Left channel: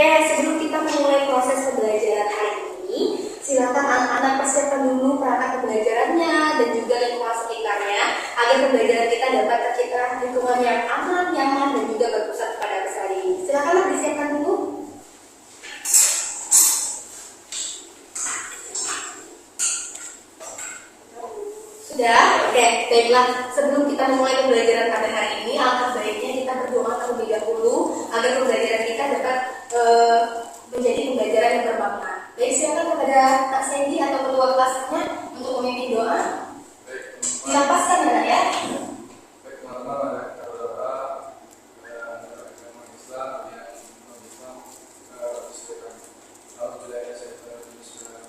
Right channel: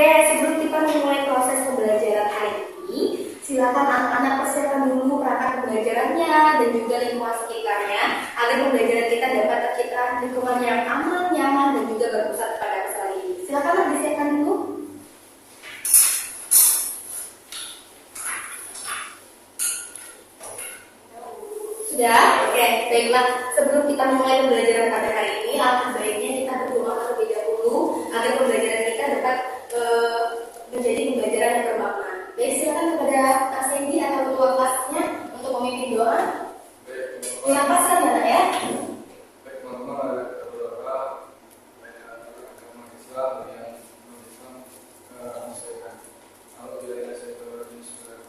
Oke, sebelum kita memulai proses pembelajaran hari ini, silakan anak-anak persiapkan dulu perangkat pembelajarannya dan juga lingkungan sekitarnya agar pembelajaran kita dapat tercipta lingkungan yang aman, nyaman, dan juga berpusat pada peserta ini. Silakanlah disiapkan dulu. Sudah? Oke, baiklah. Sebelum kita memulai pembelajaran pada hari ini, alangkah baiknya kita berdoa terlebih dahulu agar pembelajaran kita dapat menjadi pembelajaran yang bermakna. Baik, silakan kepada Kak Sandy atau ketua kelasnya untuk memimpin doa. Dihapaskan ya, Nak, ya. Baik, teman-teman, mari kita berdoa agama Islam yang bisa menyesuaikan. Alhamdulillah ya saya telah menyesuaikan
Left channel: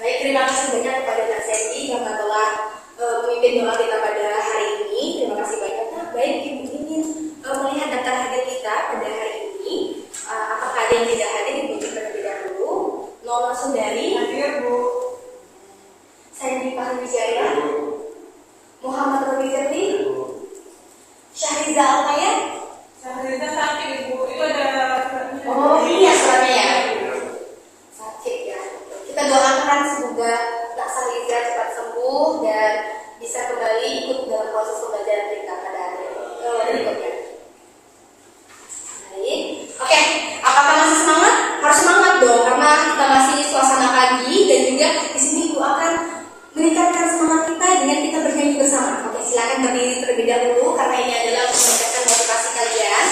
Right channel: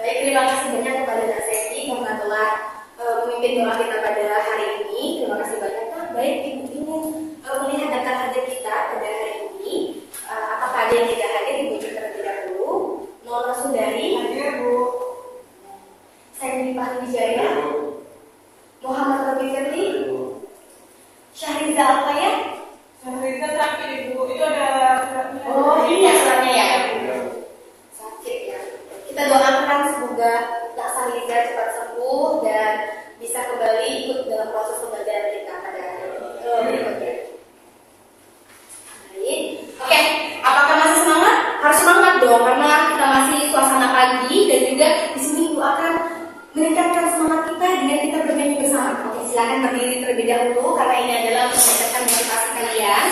Baik, terima kasih banyak kepada Kak Sandy yang telah memimpin doa kita pada hari ini. Terima kasih banyak, Kak. Baik, Ibu ingin melihat daftar hadir kita pada hari ini. Apakah ada yang tidak hadir? Ibu terlebih dahulu. Nono Sundari hadir, Bu. Sandy Pahwijaya, Muhammad Robi Firly, Syahriza Alfaya. Syahriza sakit, Ibu. Itu ada suratnya. Oh iya, suratnya ya. Sakit ya. Kita doakan semoga Kak Syahriza cepat sembuh dan bisa kembali ikut dalam proses pembelajaran kita pada hari berikutnya. Baik. Oke, apakah masih semangat? Harus semangat dong karena kita masih suasana pagi dan juga di sini Ibu akan meningkatkan semangat kita dengan kita bernyanyi bersama. Oke, silakan berdiri terlebih dahulu karena ini adalah untuk meningkatkan motivasi kalian.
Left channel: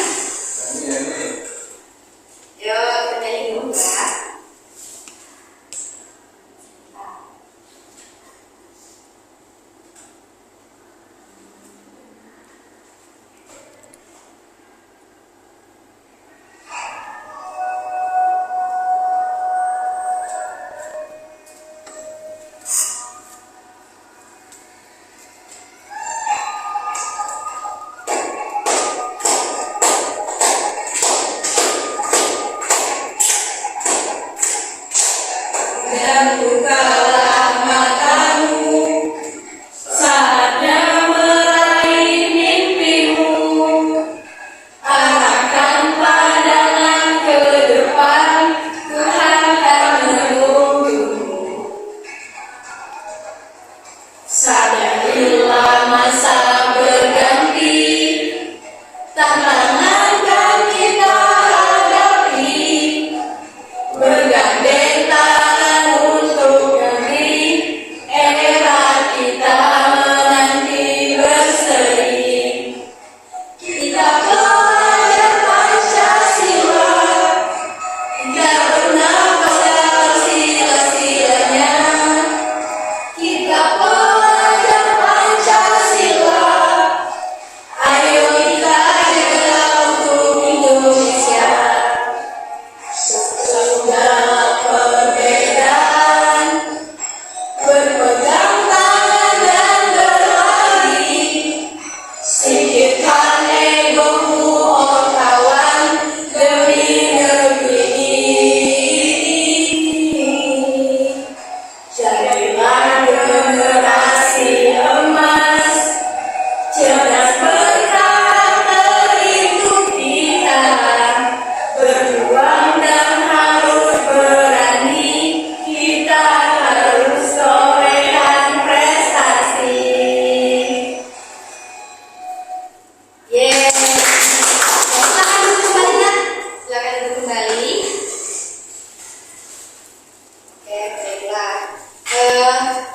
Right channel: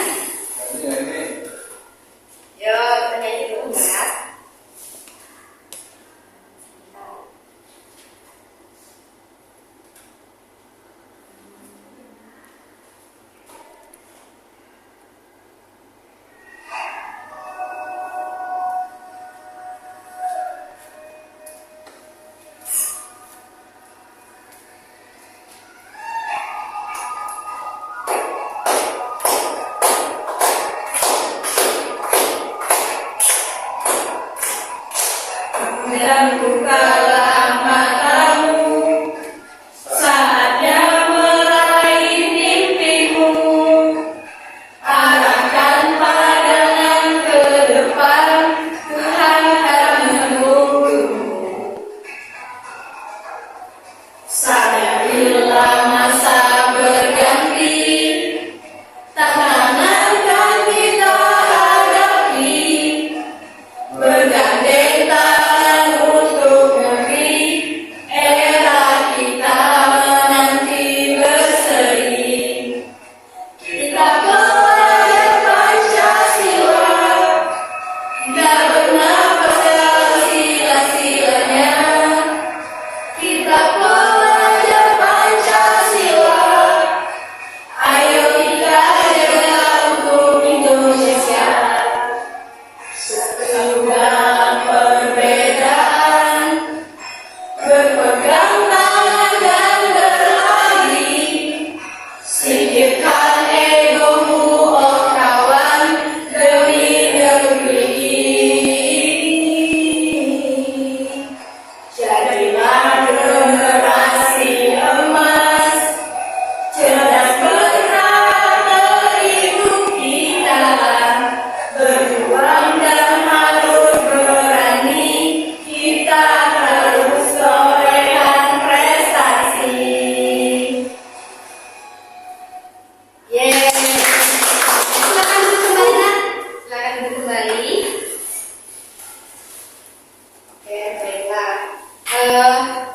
Yuk, kita nyanyi dulu ya. Dan bukalah matamu saatnya meraih mimpimu, arahkan pandangan ke depan, Tuhan akan menunggumu. Sadarilah masa berganti, tantangan kan kita hadapi, bergandeng tangan untuk negeri, era kita menanti berseri. Kita belajar Pancasila, kita bernafas dalam sila-silanya. Kita belajar Pancasila, ayo kita jaga untuk Indonesia. Sesudah perbedaan, berpegang tangan dan berlari, singkirkan egomu oh kawan, demi negeri ini. Jadilah generasi emas, cerdas berkarakter hidup kita, berjuang dan harus berani, kita harus torehan prestasi. Yeay. Silakan duduk kembali, Nak. Silakan duduk kembali. Oke, baiklah.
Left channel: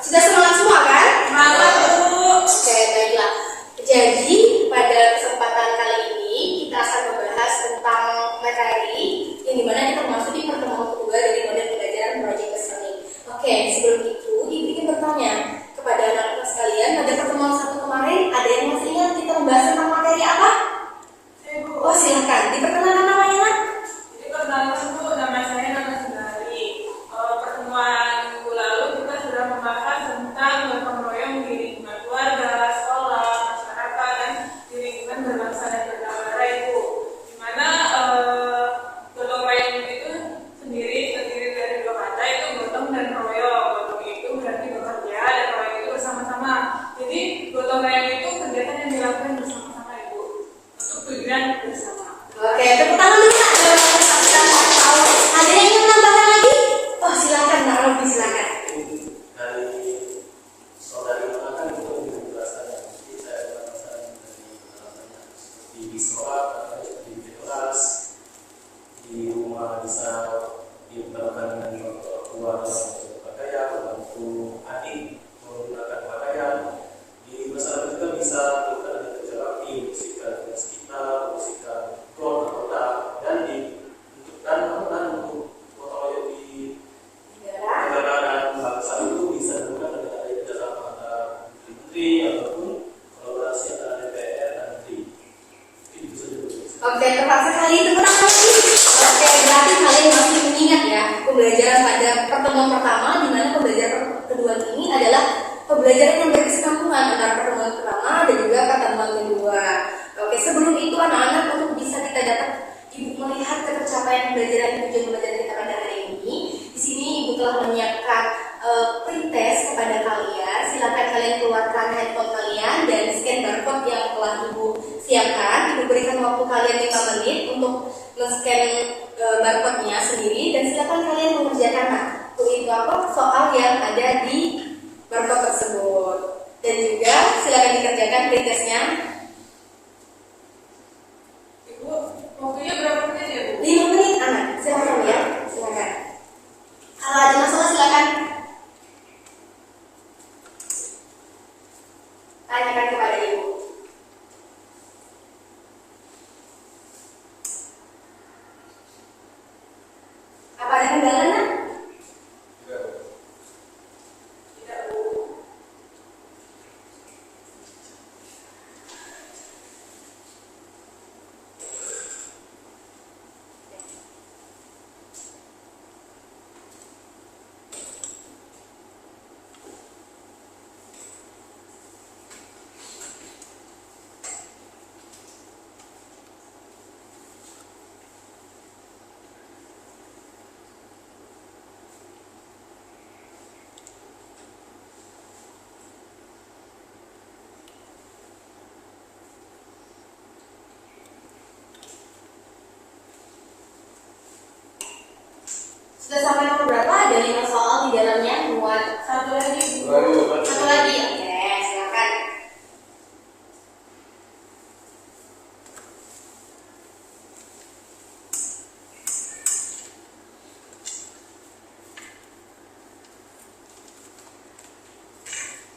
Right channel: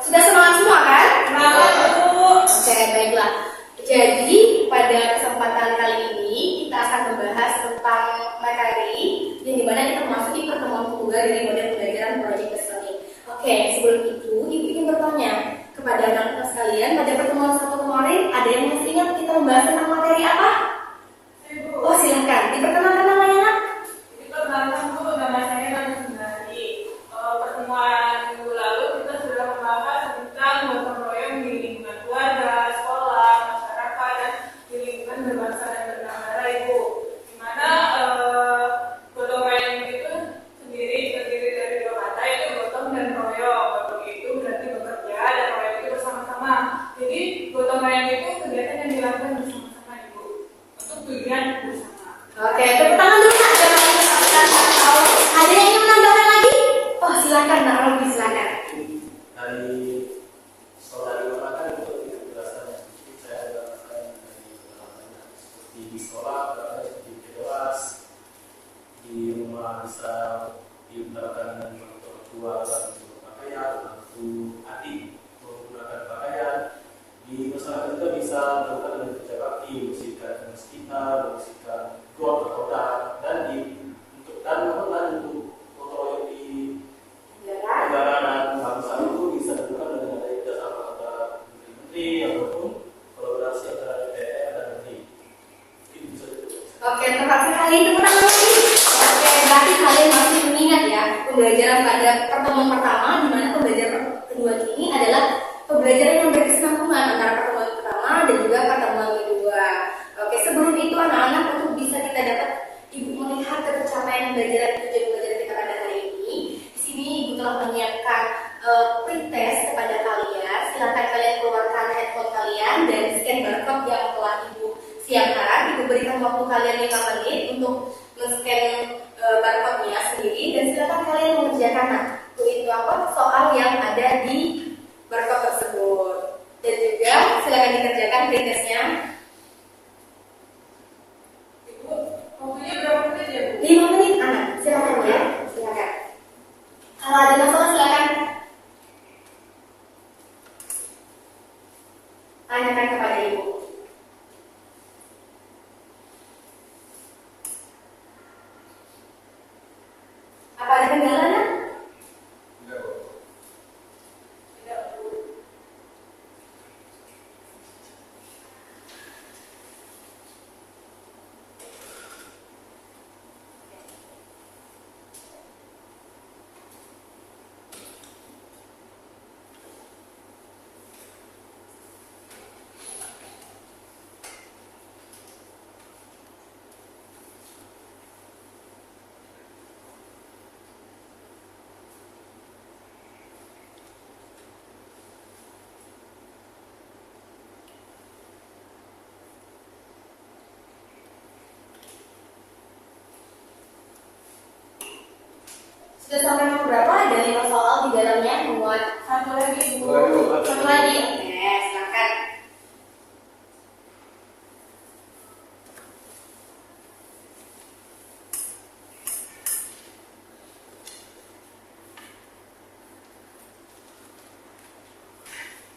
Sudah semangat semua kan? Semangat, Bu. Oke, baiklah. Jadi pada kesempatan kali ini kita akan membahas tentang materi yang dimana kita memasuki pertemuan kedua dari model pembelajaran Project Listening. Oke, sebelum itu Ibu ingin bertanya kepada anak-anak sekalian, pada pertemuan satu kemarin ada yang masih ingat kita membahas tentang materi apa? Ibu. Oh, silakan diperkenalkan namanya, Nak. Jadi perkenalkan, Bu, nama saya Nana Sundari. Pertemuan minggu lalu kita sudah membahas tentang gotong royong di lingkungan keluarga, sekolah, masyarakat, dan di lingkungan berbangsa dan bernegara, Ibu. Di mana gotong royong itu sendiri terdiri diutarakan dengan contoh tua dalam berpakaian, membantu adik menggunakan pakaian. Di masyarakat juga bisa melakukan dengan kerja bakti, membersihkan masjidnya, membersihkan got atau dam, dan untuk gotong royong di negara dan bangsa itu bisa dilakukan dengan adanya kerjasama antara menteri ataupun kolaborasi antara DPR dan menteri. Itu saja. Oke, tepat sekali, tepuk tangan lagi. Oke, berarti kalian masih mengingat ya pembelajaran pada pertemuan pertama, di mana pembelajaran kedua ini adalah pembelajaran yang berkesinambungan antara pertemuan pertama dan juga pertemuan kedua. Oke, sebelum itu anak-anak untuk bisa kita dapat ibu melihat tercapaian pembelajaran tujuan pembelajaran kita pada hari ini. Di sini ibu telah menyiapkan pretest kepada kalian. Silakan kalian keluarkan handphone kalian dan scan barcode yang telah ibu siapkan. Ibu berikan waktu kalian 5 menit untuk men-scan barcode-nya sendiri dan silakan kalian mengerjakan itu apa soal yang ada di barcode tersebut. Dan juga silakan dikerjakan pretestnya. Ibu, waktunya berapa menit ya, Bu? 5 menit anak, silakan ya, silakan. Kalau ada masalah silakan tanyakan kepada ibu. Apa ada kendala nak? Tidak, Bu. Sudah sampai nomor berapa? Ada 5 soal di dalamnya muat. Satu lagi, Bu. Satu lagi, oke, silakan.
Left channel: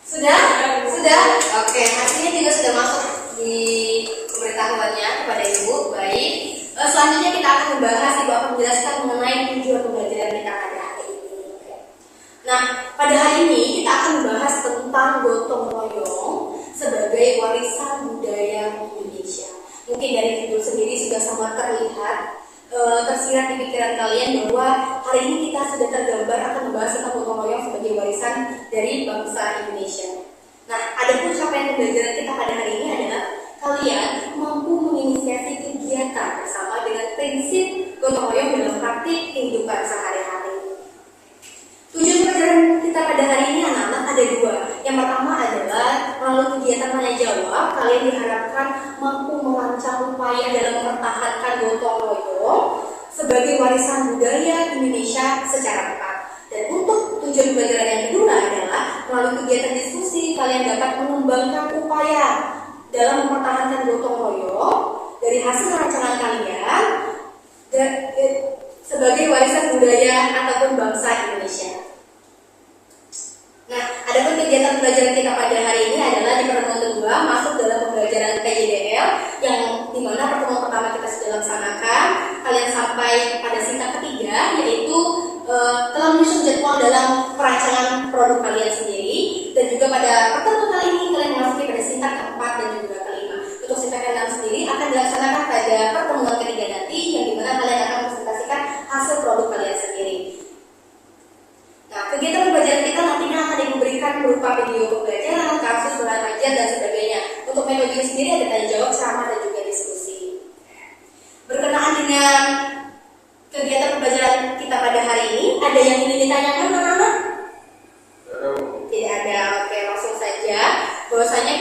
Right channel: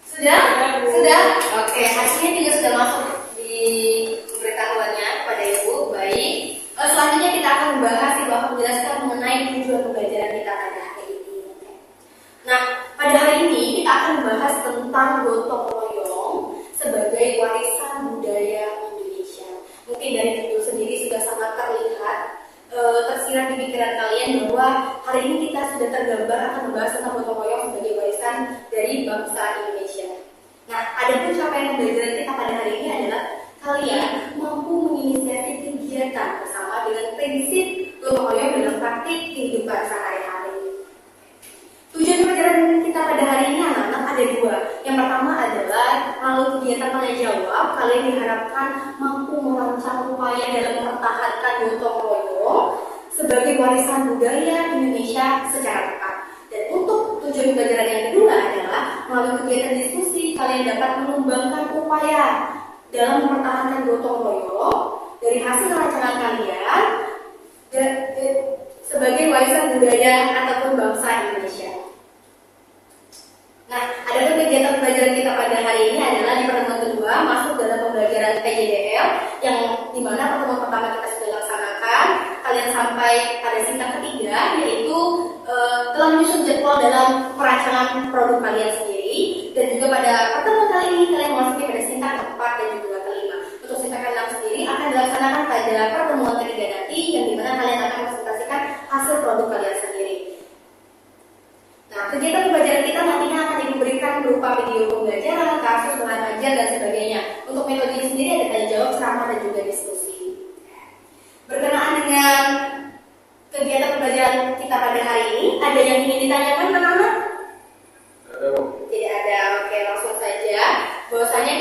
Sudah? Sudah? Oke, hasilnya juga sudah masuk di pemberitahuannya kepada ibu. Baik. Selanjutnya kita akan membahas, ibu akan menjelaskan mengenai tujuan pembelajaran kita pada hari ini. Oke. Nah, pada hari ini kita akan membahas tentang gotong royong sebagai warisan budaya Indonesia. Mungkin dari judul sendiri sudah sangat terlihat tersirat di pikiran kalian bahwa hari ini kita sudah tergambar akan membahas tentang gotong royong sebagai warisan dari bangsa Indonesia. Nah, adapun capaian pembelajaran kita pada hari ini adalah kalian mampu menginisiasi kegiatan bersama dengan prinsip gotong royong dalam praktik kehidupan sehari-hari. Tujuan pembelajaran kita pada hari ini anak-anak ada 2. Yang pertama adalah melalui kegiatan tanya jawab, kalian diharapkan mampu merancang upaya dalam mempertahankan gotong royong sebagai warisan budaya Indonesia secara tepat. Dan untuk tujuan pembelajaran yang kedua adalah melalui kegiatan diskusi, kalian dapat mengembangkan upaya dalam mempertahankan gotong royong dari hasil rancangan kalian sebagai warisan budaya ataupun bangsa Indonesia. Nah, adapun kegiatan pembelajaran kita pada hari ini adalah di pertemuan kedua masuk dalam pembelajaran PJDL yang dimana pertemuan pertama kita sudah laksanakan. Kalian sampai pada singkat ketiga yaitu telah menyusun jadwal dalam perancangan produk kalian sendiri, dan juga pada pertemuan kali ini kalian memasuki pada singkat keempat dan juga kelima. Untuk singkat ke-6 sendiri akan dilaksanakan pada pertemuan ketiga nanti yang dimana kalian akan mempresentasikan hasil produk kalian sendiri. Nah, kegiatan pembelajaran kita nantinya akan diberikan berupa video pembelajaran, kasus, bahan ajar, dan sebagainya. Untuk metode sendiri ada tanya jawab, ceramah, dan juga diskusi. Berkenaan dengan kegiatan pembelajaran kita pada hari ini, ada yang ingin ditanyakan anak-anak? Tidak ada. Oke, langsung saja. Bahwasanya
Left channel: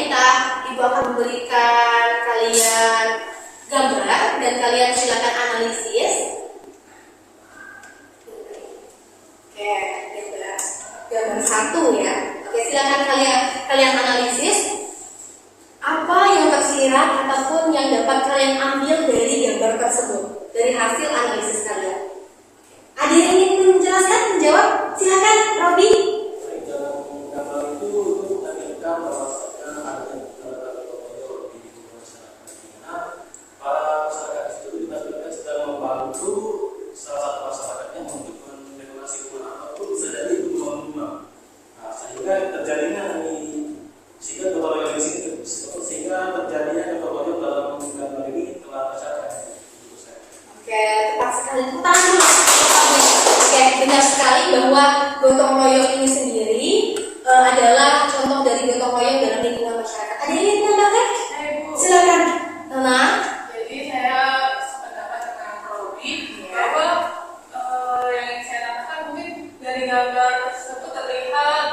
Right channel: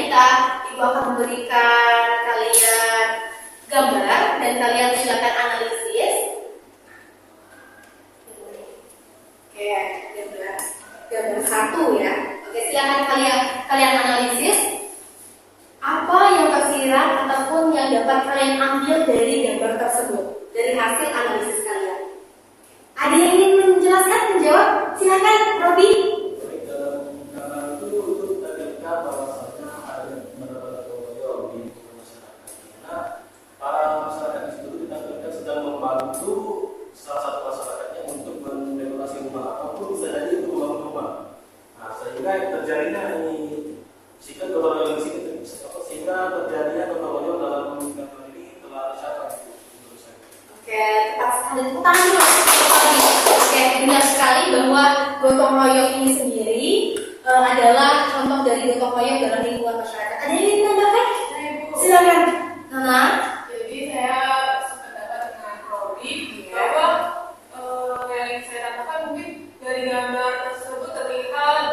ibu akan memberikan kalian gambar dan kalian silakan analisis. Oke, gambar 1 ya. Oke, silakan kalian analisis apa yang tersirat ataupun yang dapat kalian ambil dari gambar tersebut dari hasil analisis kalian. Ada yang ingin benar sekali bahwa gotong royong ini sendiri adalah contoh dari gotong royong dalam lingkungan masyarakat. Ada yang ingin menambahkan? Saya Bu. Silakan, Nona. Jadi saya sependapat dengan Robi bahwa yang ingin saya tambahkan mungkin dari gambar tersebut terlihat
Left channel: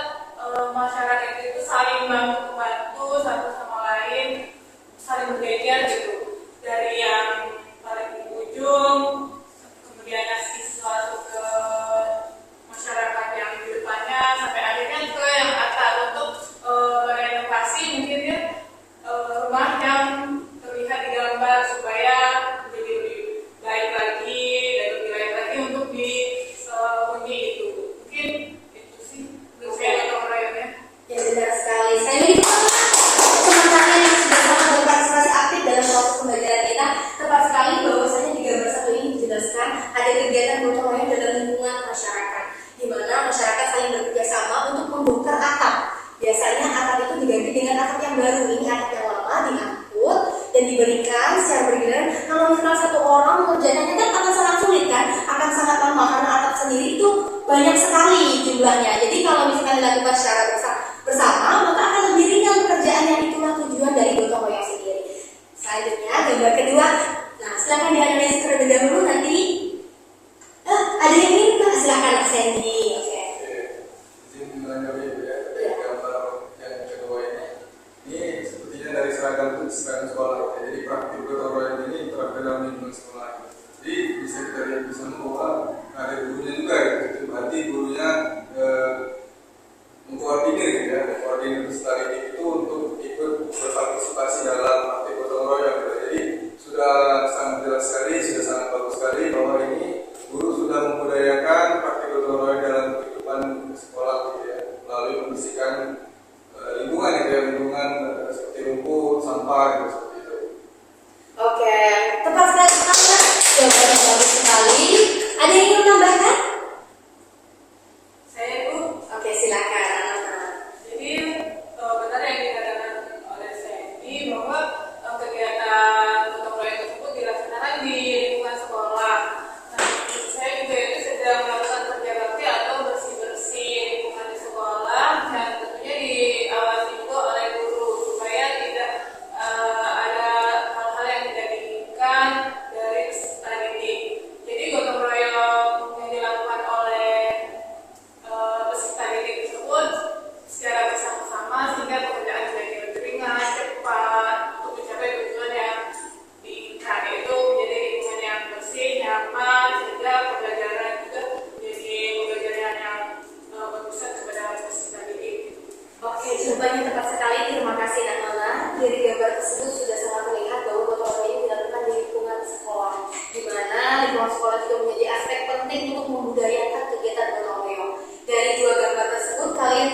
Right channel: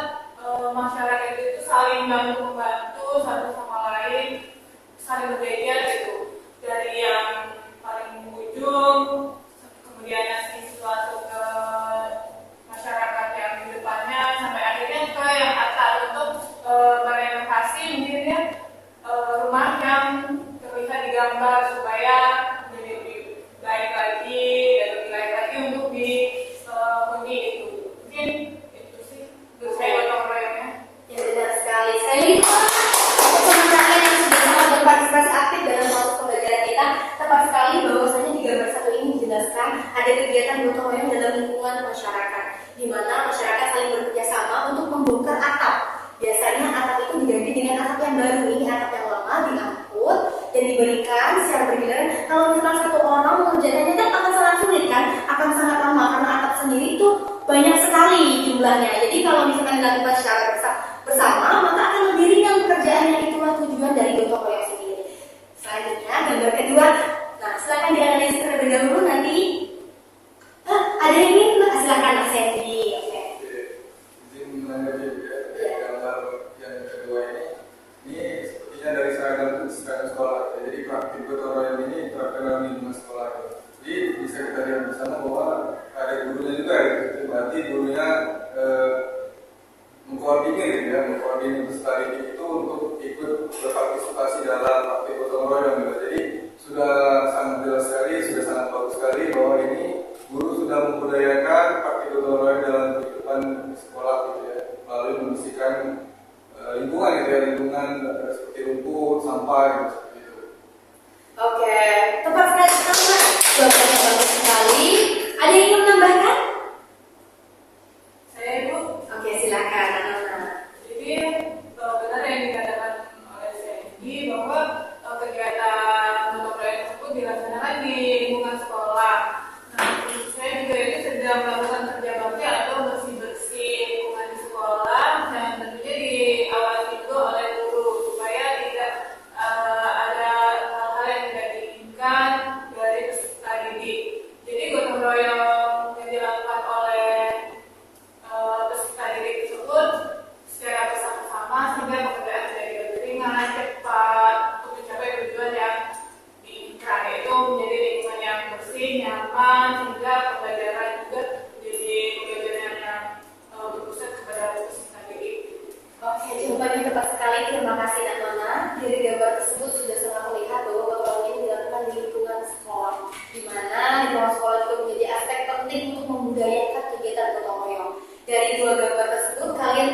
masyarakat itu saling bantu membantu satu sama lain, saling bergeser gitu. Dari yang paling ujung kemudian ngasih sesuatu ke masyarakat yang di depannya sampai akhirnya ke yang atas untuk merenovasi mungkin ya rumah yang terlihat di gambar supaya menjadi lebih baik lagi dan lebih baik lagi untuk dihuni itu. Mungkin itu sih menurut saya gotong royongnya. Ya benar sekali. Saya ingin teman-teman yang sudah sangat berpartisipasi aktif dalam proses pembelajaran kita. Tepat sekali bahwasanya di gambar satu ini dijelaskan ada kegiatan gotong royong dalam lingkungan masyarakat, di mana masyarakat saling bekerja sama untuk membongkar atap. Biasanya atap itu diganti dengan atap yang baru. Ini atap yang lama diangkut dan diberikan secara bergiliran. Kalau misalnya satu orang mengerjakannya kan akan sangat sulit kan, akan sangat lama karena atap sendiri itu banyak sekali jumlahnya. Jadi kalau misalkan dilakukan secara bersama, maka akan lebih ringan pekerjaannya. Itulah tujuan dari gotong royong sendiri. Selanjutnya gambar kedua. Nah, silakan dianalisis terlebih dahulu nanti. Ada yang ingin? Silakan Mas Sandy. Oke. Izin menanggapi gambar yang kedua ini sepertinya dari seragam sekolah. Jadi praktik gotong royong ini terapkan dalam lingkungan sekolah. Jadi bisa kita lihat bersama bahwa ada gurunya juga ya. Berarti gurunya mengkoordinir peserta didik itu untuk ikut berpartisipasi dalam praktik gotong royong. Jadi sudah sangat jelas sekali, sudah sangat bagus sekali bahwa ini guru sudah membudayakan praktik gotong royong dalam kehidupan sekolah gitu ya, melalui membersihkan lingkungan gitu ya, lingkungan seperti rumput, sampah gitu, seperti itu. Oke, tepat sekali Mas. Jawabannya bagus sekali. Ada yang ingin menambahkan? Saya Bu. Oke, silakan Nona. Jadi benar yang dikatakan oleh Sandy bahwa kegiatan gotong royong tersebut dilaksanakan di lingkungan sekolah. Nah, saya juga itu sedang melakukan kerja bakti atau bersih-bersih lingkungan di sekolah yang tentunya diawasi juga oleh guru supaya tidak ada hal-hal yang tidak diinginkan dari peserta didik. Jadi gotong royong yang dilakukan oleh peserta didik tersebut secara bersama-sama sehingga pekerjaan menjadi lebih ringan, cepat untuk mencapai tujuan yang diinginkan, yaitu menjadi lingkungan yang bersih, nyaman, sehingga pembelajaran juga menjadi pembelajaran yang berpusat kepada peserta didik. Oke, jawabannya tepat sekali. Terima kasih Nona. Dari gambar tersebut sudah sangat terlihat bahwa gotong royong ini dilakukan di lingkungan sekolah, di mana lingkungan sekolah juga menjadi aspek penting untuk membudayakan kegiatan gotong royong. Dari dua gambar tersebut, kalian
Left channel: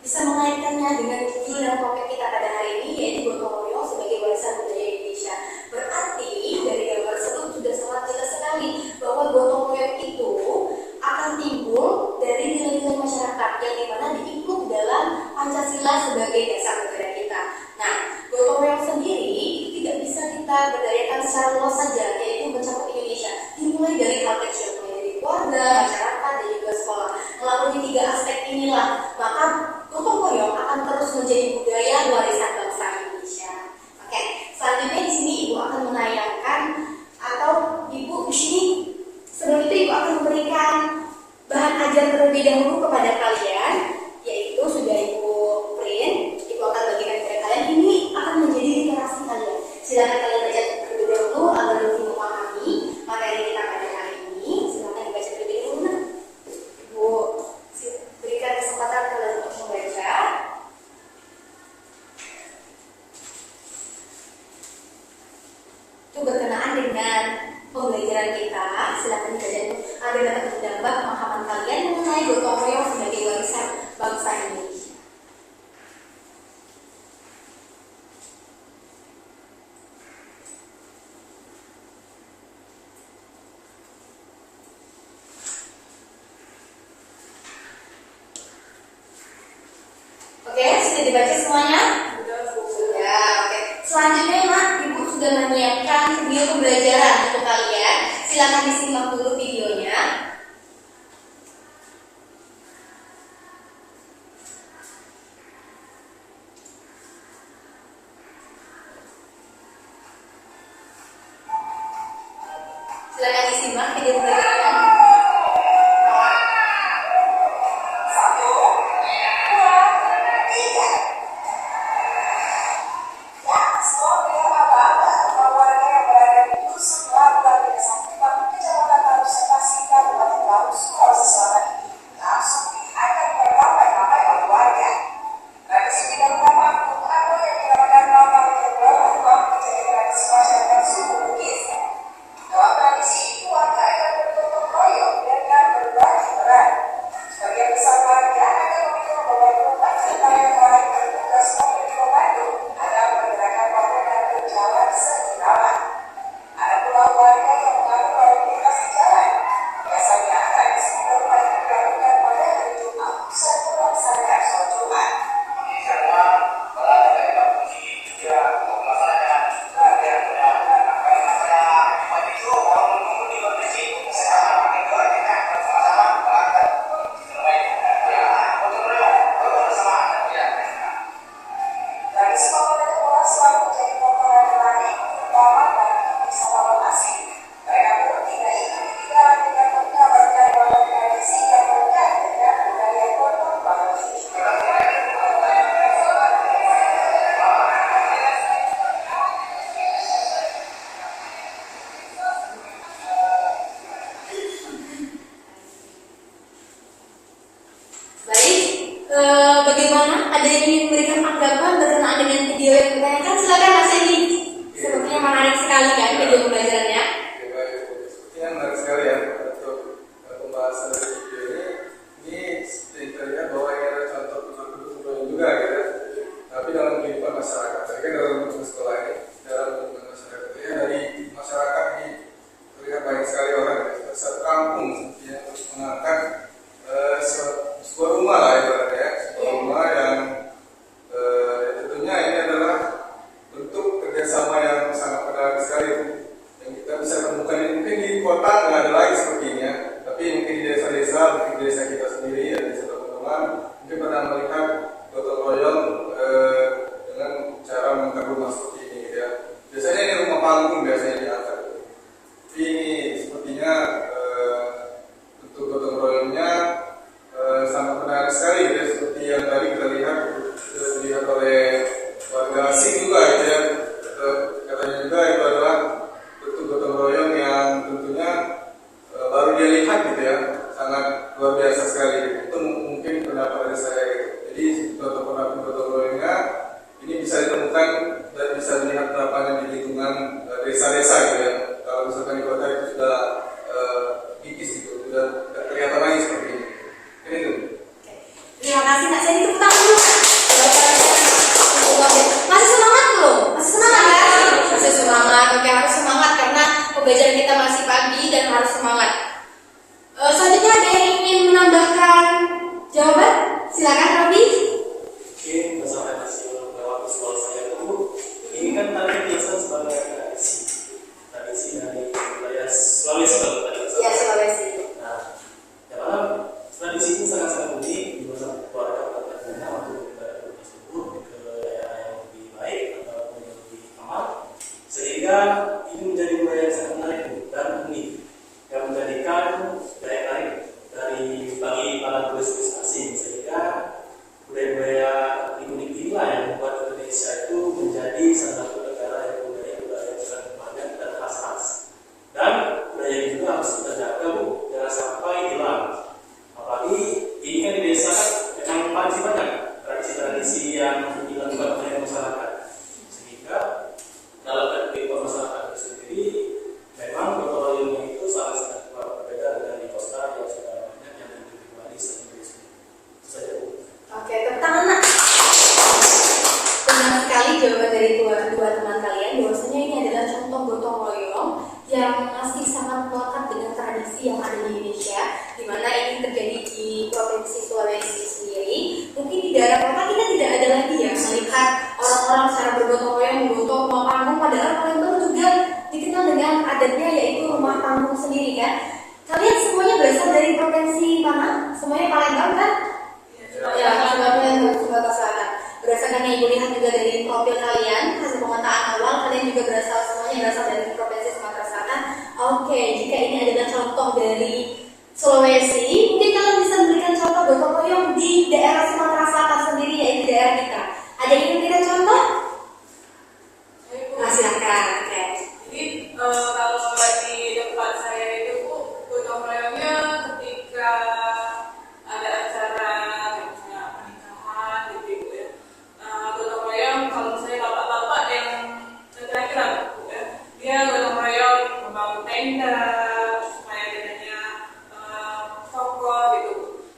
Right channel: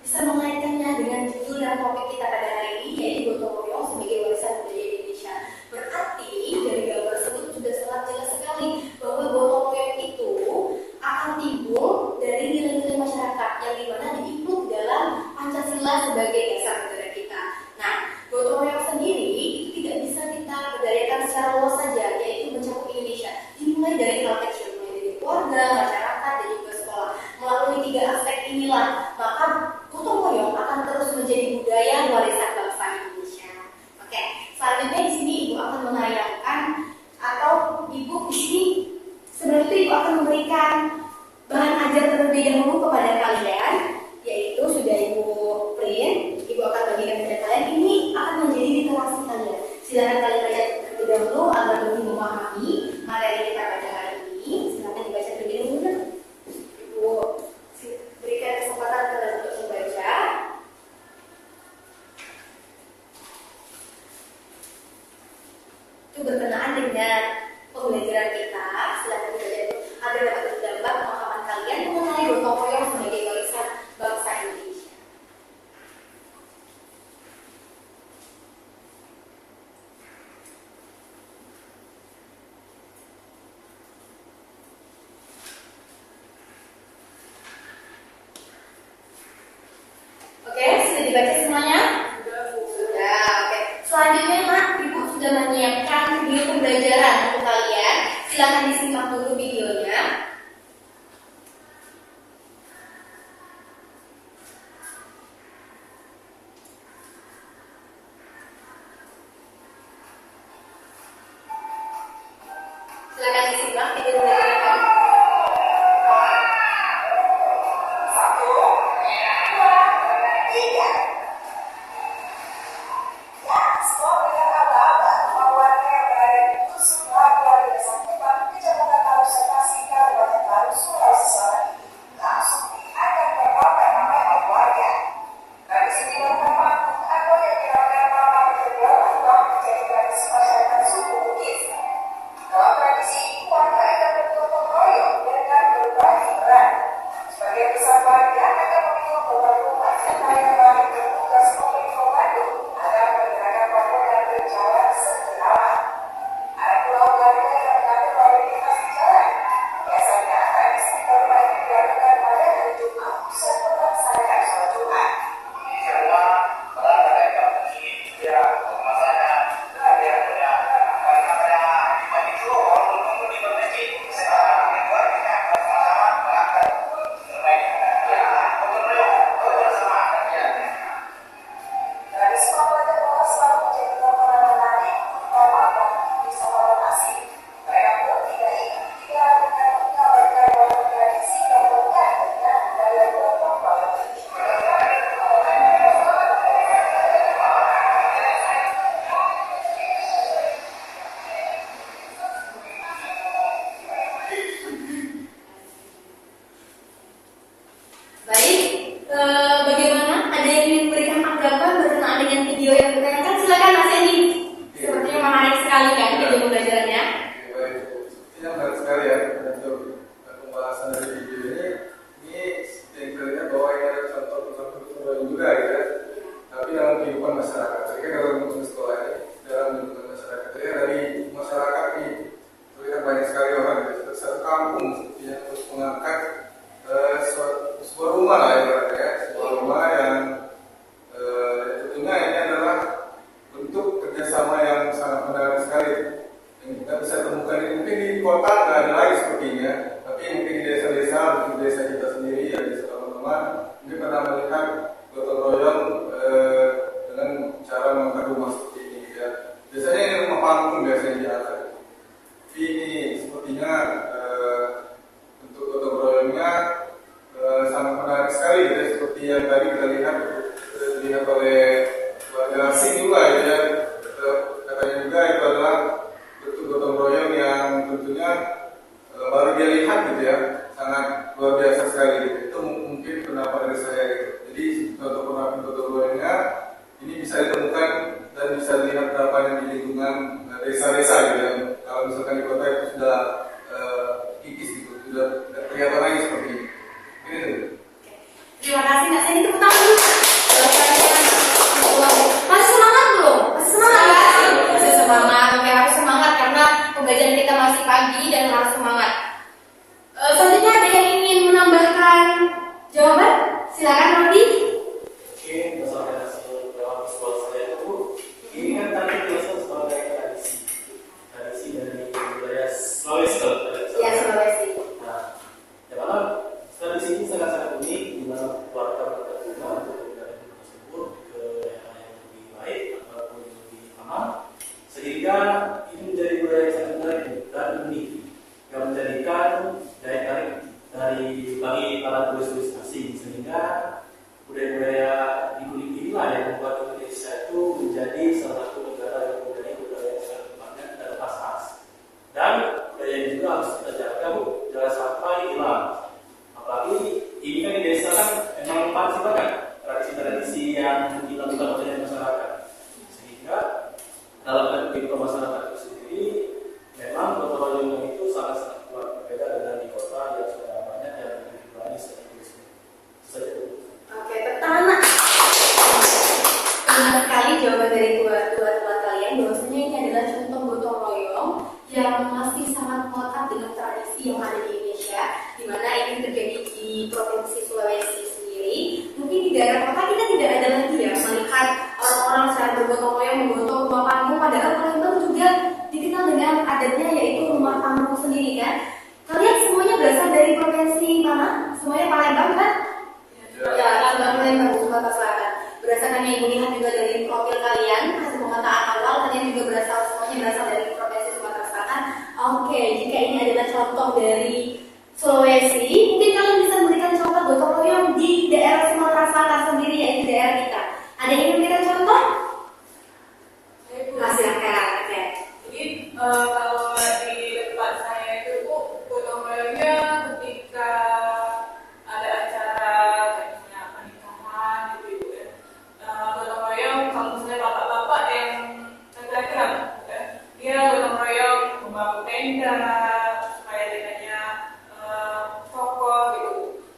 bisa mengaitkannya dengan judul dan topik kita pada hari ini, yaitu gotong royong sebagai warisan budaya Indonesia. Berarti dari gambar tersebut sudah sangat jelas sekali bahwa gotong royong itu akan timbul dari nilai-nilai masyarakat yang dimana diinclude dalam Pancasila sebagai dasar negara kita. Nah, gotong royong sendiri itu tidak bisa kita berdayakan secara luas saja, yaitu mencakup Indonesia. Dimulai dari hal kecil, mulai dari keluarga, masyarakat, dan juga sekolah. Melalui tiga aspek inilah, maka gotong royong akan terus menjadi budaya warisan bangsa Indonesia. Oke, selanjutnya di sini Ibu akan menayangkan atau Ibu di sini sebelum itu Ibu akan memberikan bahan ajar terlebih dahulu kepada kalian, yaitu sudah Ibu print. Ibu akan bagikan kepada kalian. Ini akan menjadi literasi kalian. Silakan kalian baca terlebih dahulu agar lebih memahami materi kita pada hari ini. Silakan dibaca terlebih dahulu. Ibu berikan kesempatan kalian untuk membaca. Itu berkenaan dengan pembelajaran kita. Silakan dibaca agar dapat berdampak pemahaman kalian mengenai gotong royong sebagai warisan bangsa Indonesia. pembahasan dari video ini seperti yang terlihat bahwa ini ada contoh gotong royong juga gitu ya. Tapi dalam kehidupan masyarakat, saya kira dalam lingkungan sekolah ini, dalam lingkungan masyarakat ya, dari masyarakat ini terlihat banyak sekali orang gitu, satu kampung yang terus mengangkat sebuah rumah lah ya, sebuah rumah yang tentunya ini adalah bentuk kerjasama yang sangat menarik sekali yang kita bisa temukan ini. Mungkin di kota nggak ada lagi seperti ini ya, tapi mungkin di desa-desa, mungkin di desa kita sendiri ya, desa teman-teman mungkin pernah melihat gotong royong dengan cara mengangkat rumah seperti ini gitu ya. Biasanya ini rumah panggung biasanya diangkat. Ini sepertinya bentuk gotong royongnya sangat menarik sekali gitu ya, seperti yang tadi kita lihat dilihat oleh warga asing juga gitu ya. Katanya juga itu adalah bentuk gotong royong yang tentunya baru dia lihat gitu ya, sangat luar biasa sekali gitu. Itu mungkin pendapat dari saya gitu. Jadi untuk pendapat gotong royongnya ini bisa ditemukan dan bisa dilihat terapanya di lingkungan desa-desa gitu ya. Kalau misalkan di kota itu sudah kikis gitu, sudah kelihatan lagi seperti ini. Ini tuh. Terima kasih Kak Sandy, tepuk tangan dulu. Masih semangat belum? Masih semangat kan? Masih semangat. Oke, harus semangat karena pembelajaran kita masih pagi dan harus semangat. Selanjutnya ada yang ingin menambahkan jawaban? Silakan Rabi. Oke, berdasarkan hasil lewat sekolah saya itu, ini kan tadi biasa sebagai tradisi dari wilayah Sulawesi loh. Ya, Sulawesi. Nah, yang mana tradisi ini sangat-sangat unik, di mana keluarga berangkat rumah untuk menghindari tersebut ke daerah yang lebih baik ataupun yang lebih aman, sehingga ini menjadi budaya yang sangat menarik dan unik yang menjadikan daya tarik dari bagi para turis-turis asing, sehingga budaya-budaya unik inilah yang membuat Indonesia itu menjadi salah satu negara yang mempunyai budaya yang sangat banyak dan khas-khas. Dan budaya ini juga harus kita jaga, Bu, jangan sampai hilang. Apalagi ini kan di desa kan memang masih banyak tradisi-tradisi yang dilakukan oleh masyarakat, sehingga dalam kehidupan masyarakat itu sendiri memang gotong royongnya itu sangat-sangat kuat, berbeda dengan di kota yang sudah banyak yang individualis dan itu saja. Oke, tepuk tangan Nak. Benar sekali jawaban dari dua teman kalian bahwasanya ini adalah contoh gotong royong yang masih sangat melekat dengan tradisi yang ada di Indonesia, di mana ini terjadi di Provinsi Sulawesi sendiri. Mungkin di daerah kota kita tidak ada lagi ya melihat orang-orang secara bergotong royong menggotong rumah panggung, padahal Palembang juga dikenal dengan adatnya yaitu rumah panggung sendiri kan. Kalian semuanya berasal dari provinsi mana? Semuanya Palembang kan? Ya, juga Palembang, Sumatera Selatan. Berdasarkan yang Ibu lihat juga dari profil kalian, hasil pemetaan awal, kalian juga semuanya berasal dari provinsi Sumatera Selatan. Oke, jika ini adalah contoh dari Sulawesi, mungkin kalian bisa memberikan contoh gotong royong di daerah Sumatera Selatan sendiri, yaitu daerah kita. Ada yang ingin memberikan contoh? Nah, silakan. Oke. Jadi kalau di tempat saya itu gotong royongnya ketika ada acara misalnya pernikahan gitu ya. Gotong royong kalau misalnya bapak-bapak yang laki-laki ya, dia gotong royong membangun tenda supaya tendanya kokoh gitu.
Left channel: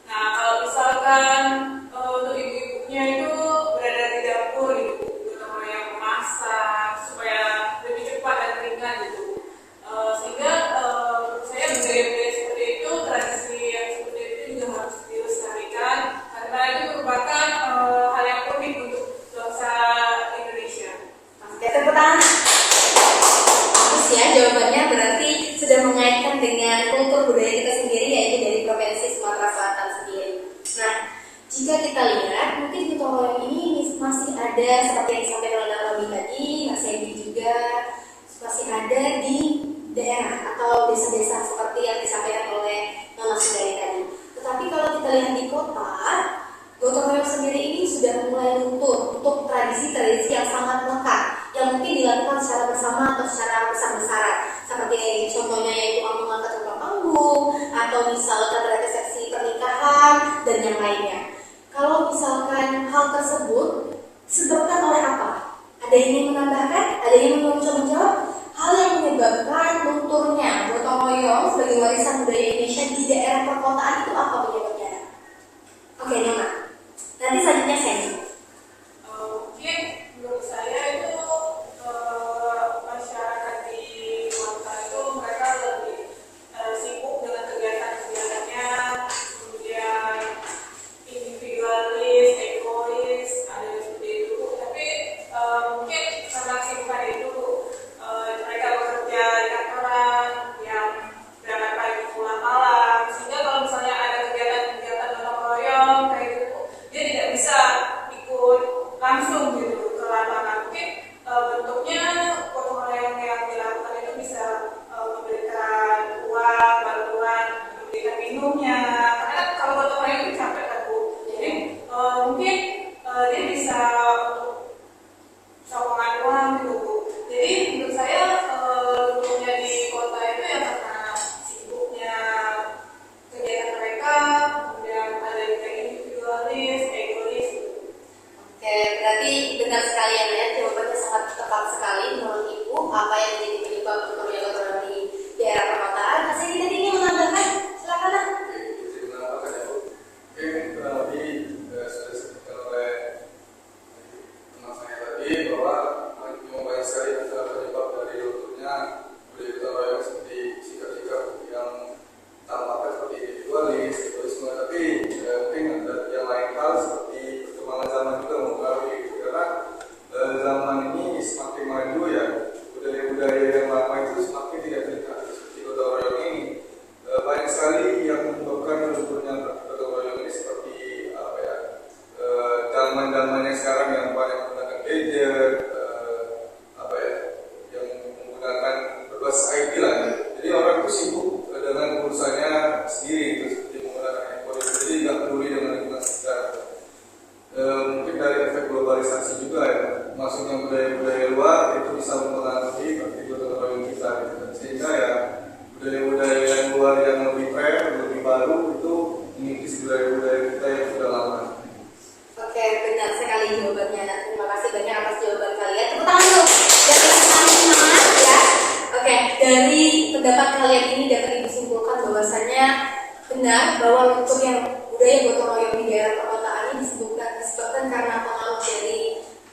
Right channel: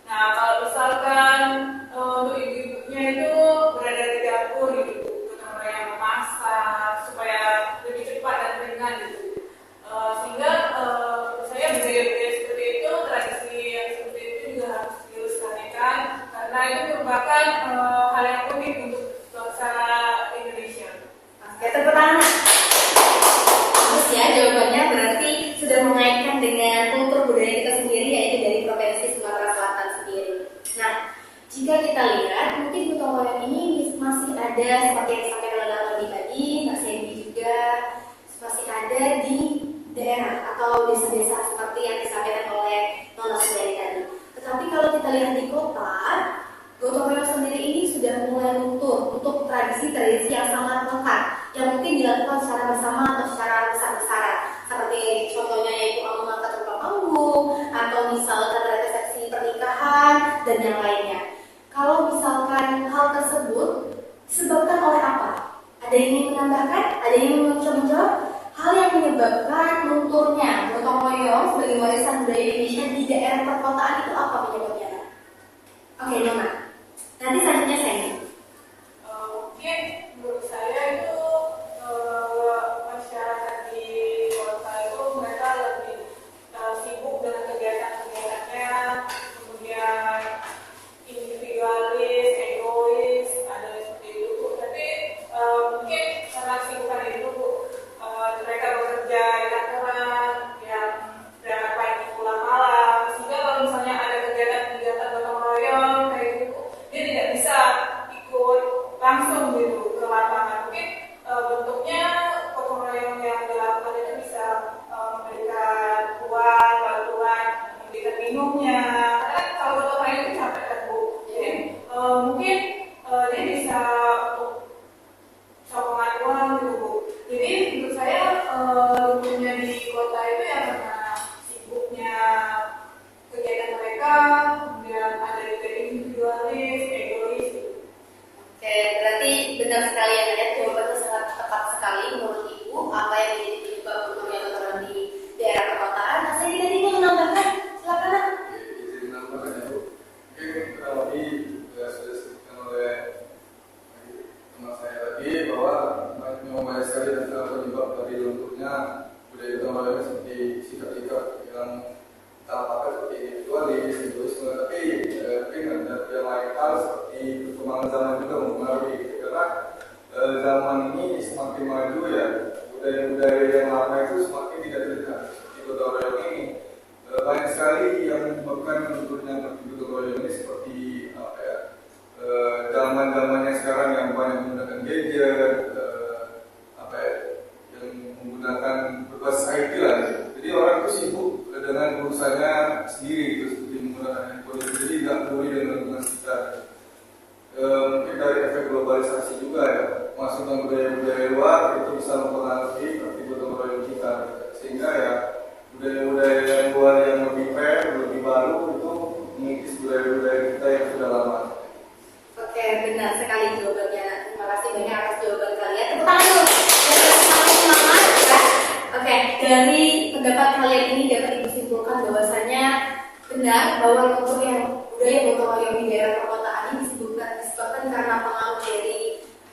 Nah kalau misalkan untuk ibu-ibunya itu berada di dapur gitu, gotong royong memasak supaya lebih cepat dan ringan gitu. Sehingga saya budaya-budaya seperti itu, tradisi yang seperti itu juga harus dilestarikan karena itu merupakan hal yang unik untuk bangsa Indonesia. Oke, tepuk tangan. Terus ya, jawabannya berarti sudah mengaitkan dengan kultur budaya kita sendiri, yaitu dari Provinsi Sumatera Selatan sendiri. Nah, jika kita lihat, mungkin gotong royong ini masih ada seperti yang disampaikan oleh Rabi tadi, Mas Sandy juga masih ada di daerah atau desa-desa seperti yang disampaikan oleh Nona Sundari tadi. Tetapi kalau kita lihat di kota, gotong royong sendiri ini sudah mulai luntur untuk tradisi-tradisi yang sangat lekat, yang mungkin dilakukan secara bersama atau secara besar-besaran, seperti contohnya yaitu mengangkat rumah panggung atau misalkan resepsi pernikahan dan yang lainnya. Kalau misalkan hal tersebut disebabkan oleh apa? Ada yang ingin menambahkan? Ada yang ingin menjawab? Hal yang menyebabkan lunturnya gotong royong sebagai warisan budaya Indonesia di daerah perkotaan perkotaan itu apa penyebabnya? Oke, Nona. Nanti selanjutnya saya. Mungkin menurut saya itu masyarakat di kota itu mereka lebih sibuk dengan kegiatan-kegiatannya, kemudian individualis, egois, ada yang seperti itu. Tapi mungkin karena kesibukan itu mereka bekerja di kantoran yang berangkat pagi pulang malam, sehingga kalau misalnya ada kegiatan-kegiatan gotong royong kayak gitu, dia tidak bisa ikut langsung gitu ke lapangan. Mungkin bentuknya gotong royong yang dilakukan itu bisa memberikan uang, bantuan, memberikan minumnya. Karena kan kalau gotong royong itu capek kan Bu. Jadi mungkin dia bisa untuk sokongan uang gitu Bu. Jadi menurut saya lumpuhnya di kota itu ya karena sibuknya kegiatan mereka, kemudian ada yang kayak individualis, egois gitu. Oke, berarti benar sekali ya, Net. Jawabannya sangat tepat sekali menurut Ibu. Apa yang menjadi penyebab lumpuhnya gotong di daerah perkotaan? Nah, saya tadi ingin menambahkan, silakan Nak. Jadi menambahkan itu mungkin kurang lebih sudah disebutkan oleh teman saya tadi bahwa banyak sekali adalah penyebab dari lunturnya budaya gotong royong seperti sikap-sikap yang tampaknya seperti individualis, egoisme, tapi mungkin ada yang lain hal seperti perkembangan zaman juga mempengaruhi karena zaman ini semakin maju ya, budaya-budaya yang lama itu semakin tidak terlihat seperti gotong royong ini. Banyak sekali yang menyebabkan lunturnya gotong royong ini seperti apa ya, zaman-zaman yang sekarang yang banyak menggunakan gadget, apa ya, yang menggunakan berbasis IT lah gitu. Jadi orang itu sibuk dengan urusannya sendiri gitu, seperti menggunakan handphone, jadi nggak peduli dengan lingkungan sekitar. Mungkin dari efek globalisasi juga ya, masuknya budaya-budaya luar itu bisa mempengaruhi praktik gotong royong kita gitu. Sehingga ya budaya-budaya yang luar yang lebih fair, lebih baru itu mengikis budaya-budaya kita yang sudah lama. Oke, benar sekali jawabannya, Nak. Terima kasih banyak atas jawaban kalian. Tepuk tangan dulu. Biar sekali semangat ya. Oke, dari pendapat kalian ini dapat Ibu simpulkan bahwasanya benar bahwa untuk yang budaya gotong royong di daerah perkotaan ini disebabkan karena pengaruh dari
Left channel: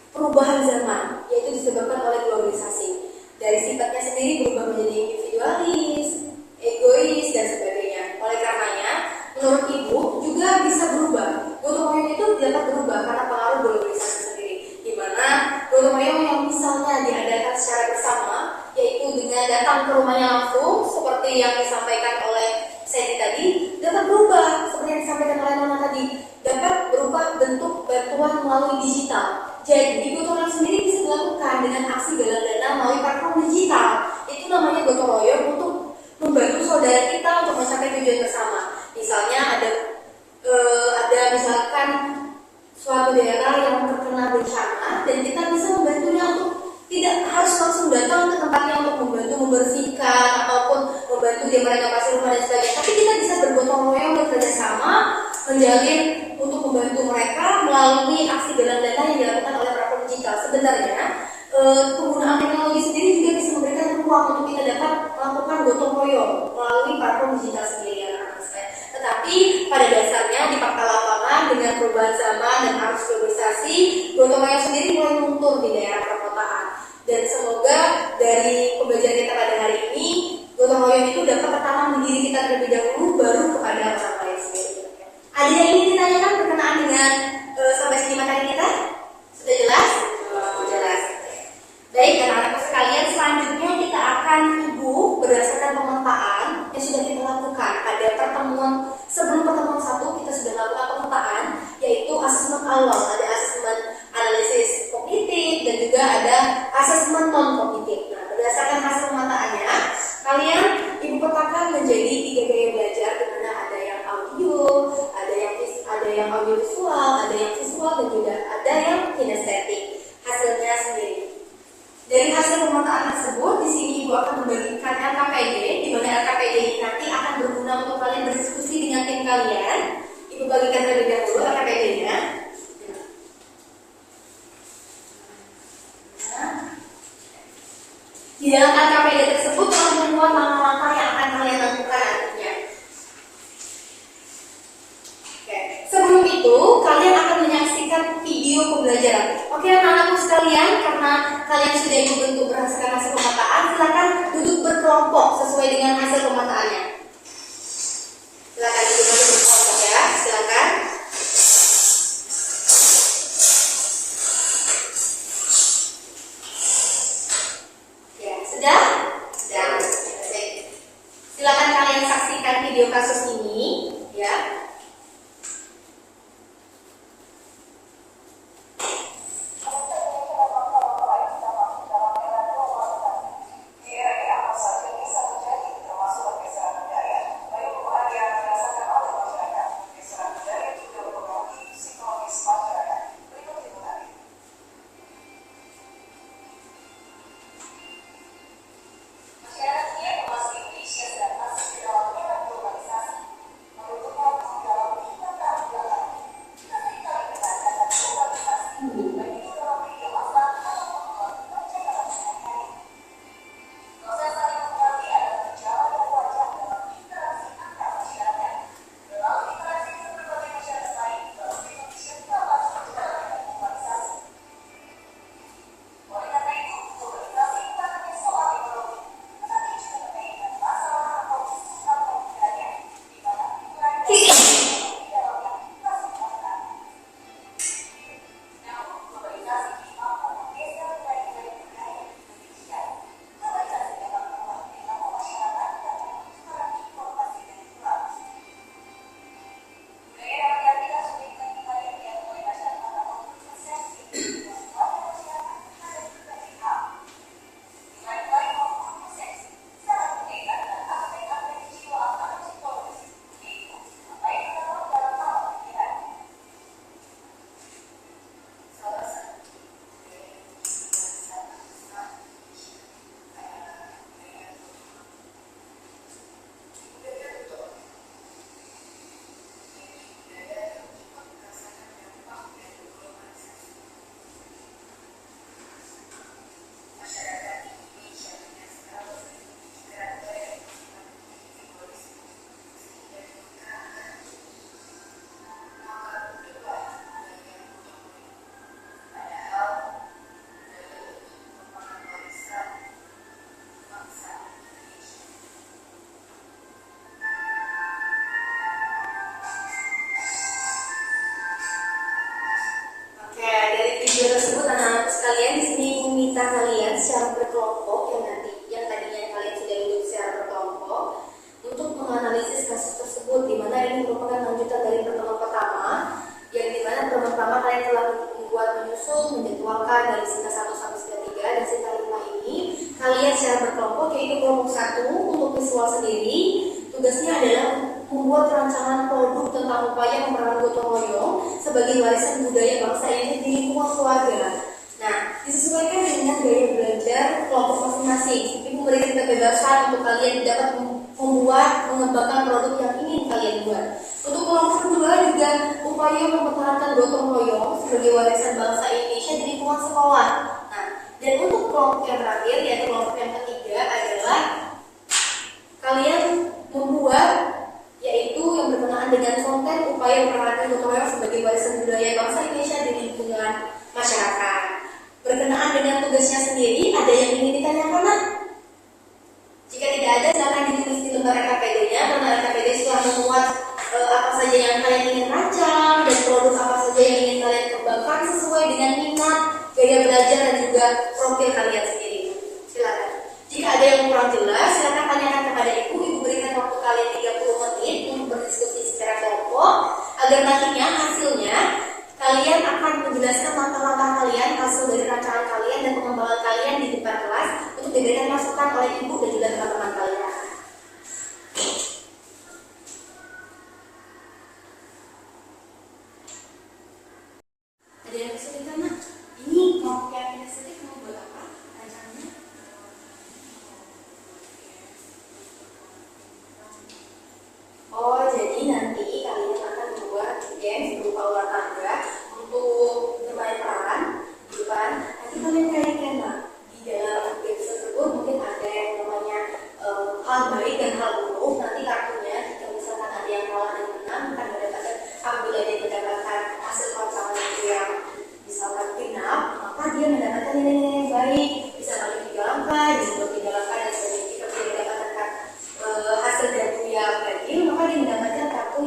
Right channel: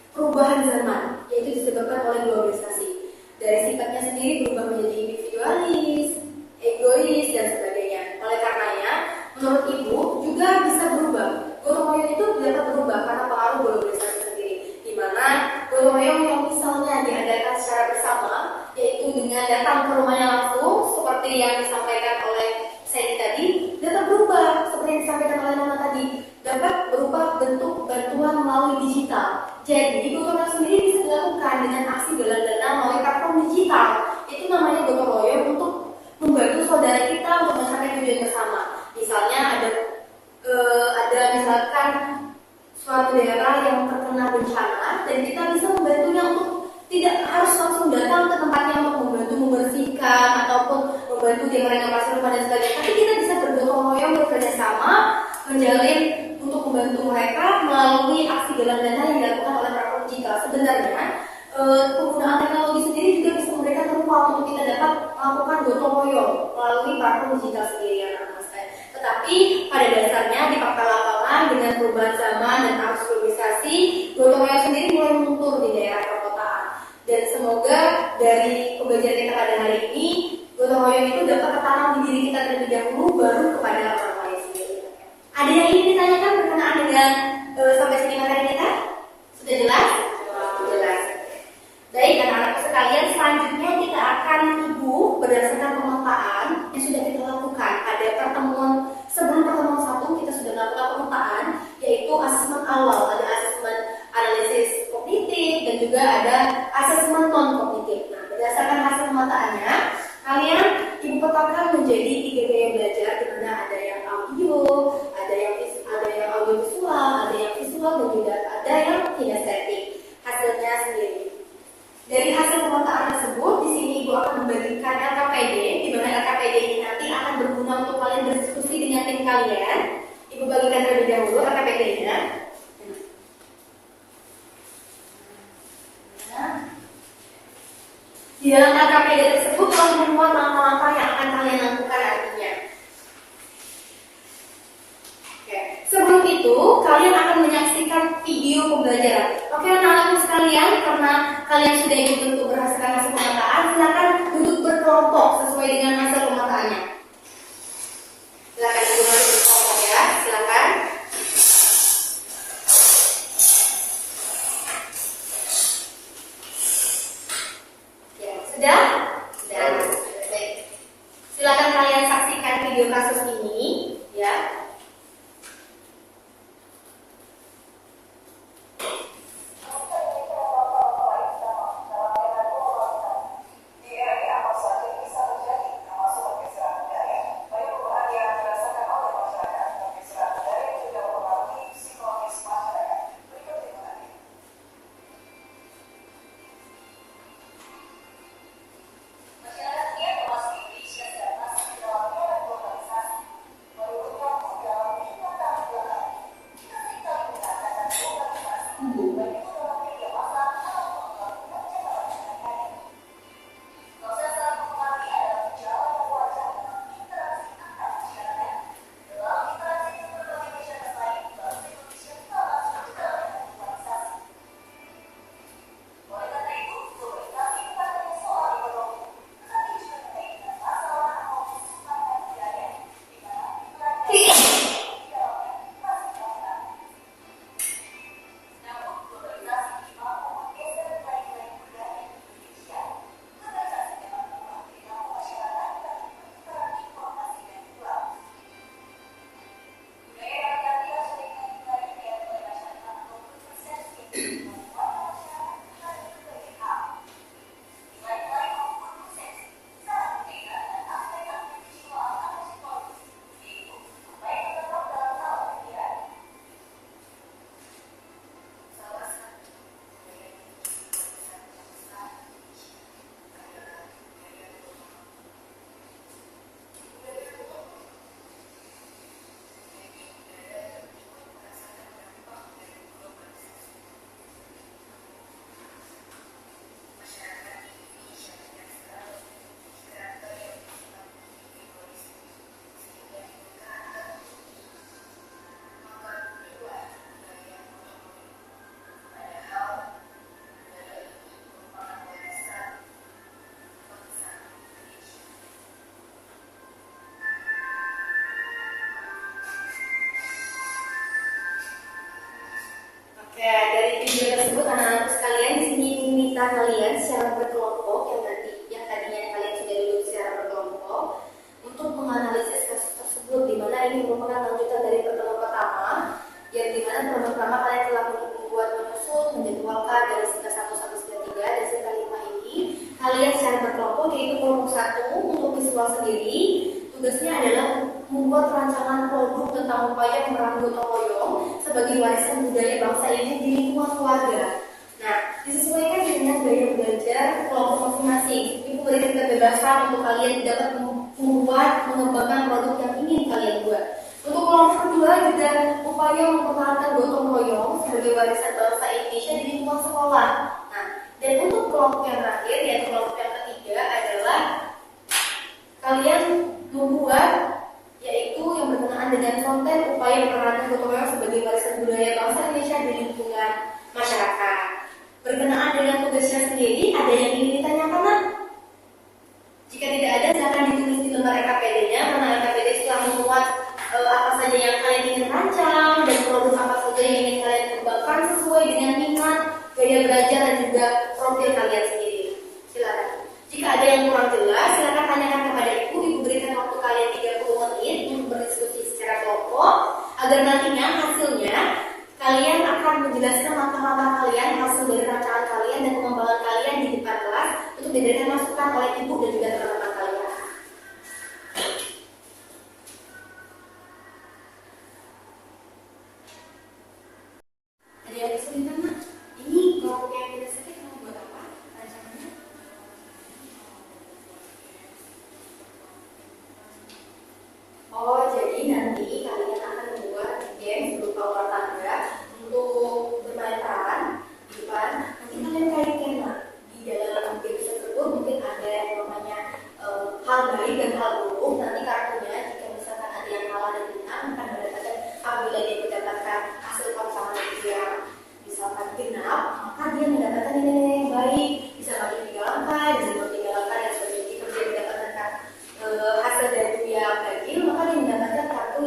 perubahan zaman, yaitu disebabkan oleh globalisasi. Dari sifatnya sendiri berubah menjadi individualis, egois, dan sebagainya. Oleh karenanya, menurut Ibu juga bisa berubah. Gotong royong itu dapat berubah karena pengaruh globalisasi sendiri, di mana gotong royong yang misalnya diadakan secara bersama, yaitu dengan datang ke rumahnya langsung, seperti yang disampaikan oleh Sandy tadi, dapat berubah seperti yang disampaikan oleh Nona tadi, dapat berubah bentuk bantuan melalui digital. Jadi gotong royong sendiri bisa dilakukan dengan aksi galang dana melalui platform digital. Itu namanya gotong royong untuk membantu saudara kita untuk mencapai tujuan bersama. Misalnya ada misalkan suatu daerah yang terkena bencana dan kita bisa membantunya untuk tidak harus langsung datang ke tempatnya untuk membantu membersihkan ataupun membantu dia merenovasi rumah dan sebagainya. Tapi kita bisa bergotong royong bekerja sama menjalin untuk membantu mereka melalui aksi galang dana yang dilakukan oleh platform digital. Sebenarnya penggunaan teknologi sendiri juga bisa memberikan ruang untuk kita dapat melakukan gotong royong melalui platform digital sendiri ya. Tetapi pada dasarnya di fakta lapangan dengan perubahan zaman dan arus globalisasi, gotong royong sendiri mulai luntur di daerah perkotaan. Dan semoga dari pembelajaran kita pada hari ini, gotong royong itu dapat tertanam di diri kita terlebih dahulu, baru kepada orang lain sendiri. Ada yang ingin ditanyakan berkenaan dengan sampai sini materi kita? Sudah jelas? Jelas. Baik, anak-anakku sekalian, selanjutnya kita akan berdasarkan pemetaan yang sudah kita lakukan pada sebelum pertemuan 1 kita sudah melakukan pemetaan, yaitu asesmen awal, ada asesmen analisis kognitif dan juga ada asesmen non kognitif. Nah, berdasarkan hasil pemetaannya, kalian Ibu petakan menjadi 3 gaya belajar, di mana ada yang audio, ada yang audio visual, ada yang visual dan juga ada yang kinestetik. Hasilnya sendiri. Dari hasil pemetaan tersebut, di sini Ibu akan membagikan LKPD, di mana LKPD ini nanti akan berguna untuk kalian berdiskusi dengan tim kalian. Ibu bagikan terlebih dahulu LKPD-nya. Di dalam LKPD tersebut telah memuat langkah-langkah yang akan kalian lakukan nantinya. kalian akan menyaksikan video pembelajaran. Oke anak-anakku sekalian, karena kalian sudah ikut untuk berhasilkan hasil pemetaan, silakan duduk berkelompok sesuai dengan hasil pemetaannya. Silakan duduk berkelompok ya, silakan. Ya, sudah? Sudah. Silakan kalian saksikan video kasus ini, ya. Video tersebut anak-anak sekalian di sini meminta kalian secara berkelompok yang tadinya kalian sudah duduk secara berkelompok untuk menganalisis kasus tersebut, di mana ini merupakan lanjutan dari pertemuan pertama yang dimana pertama kalian telah membuat menyusun menjadwalkan dari sita 1 sampai sita 3 dan sita 5 ini kalian secara berkelompok, yaitu kelompok 1 untuk visual sendiri tugasnya adalah membuat rancangan produk tentang upaya pemeran gotong royong sebagai warisan budaya bangsa ini di lingkungan keluarga. Nah, disesuaikan dengan gaya belajar kelompok masing-masing. Ibu berikan kebebasan untuk kalian dapat membuat, mengembangkan produk yang ingin kalian buat. Untuk kelompok kedua juga upaya mempertahankan gotong royong sebagai warisan bangsa Indonesia di lingkungan sekolah. Nah, dan untuk kelompok yang terakhir, yaitu kelompok yang ketiga adalah kalian membuat yaitu yang berkenaan dengan konten upaya mempertahankan gotong royong sebagai warisan budaya bangsa Indonesia di lingkungan masyarakat. Berkenaan dengan tugasnya sendiri, ada yang ingin ditanyakan, nak? Jika tidak ada, silakan ditulis di lembar RKPD-nya, karena RKPD telah memuat apa saja yang kalian ingin rancang dan produk apa saja yang ingin kalian kembangkan sesuai dengan minat, gaya belajar dan juga profil kalian sendiri. Silakan. Jika ada yang kurang jelas, silakan tanyakan kepada ibu. Ibu berikan waktu kalian 30 menit untuk berdiskusi secara kelompok agar nantinya hasilnya kalian akan menjelaskan langkah-langkah kalian, hasil dari rancangan kalian dan pengembangan kalian di depan kelas untuk diberikan masukan oleh ibu dan juga teman-teman kalian. Ada yang kesulitan, nak? Ini kelompok yang inisiatif mau buat apa rancangannya? Oh, jadi nanti kalian akan membuat game berupa ular tangga untuk bermain peran di depan. Nanti kalian kaitkan, nah, di dalam game tersebut mungkin ada yang namanya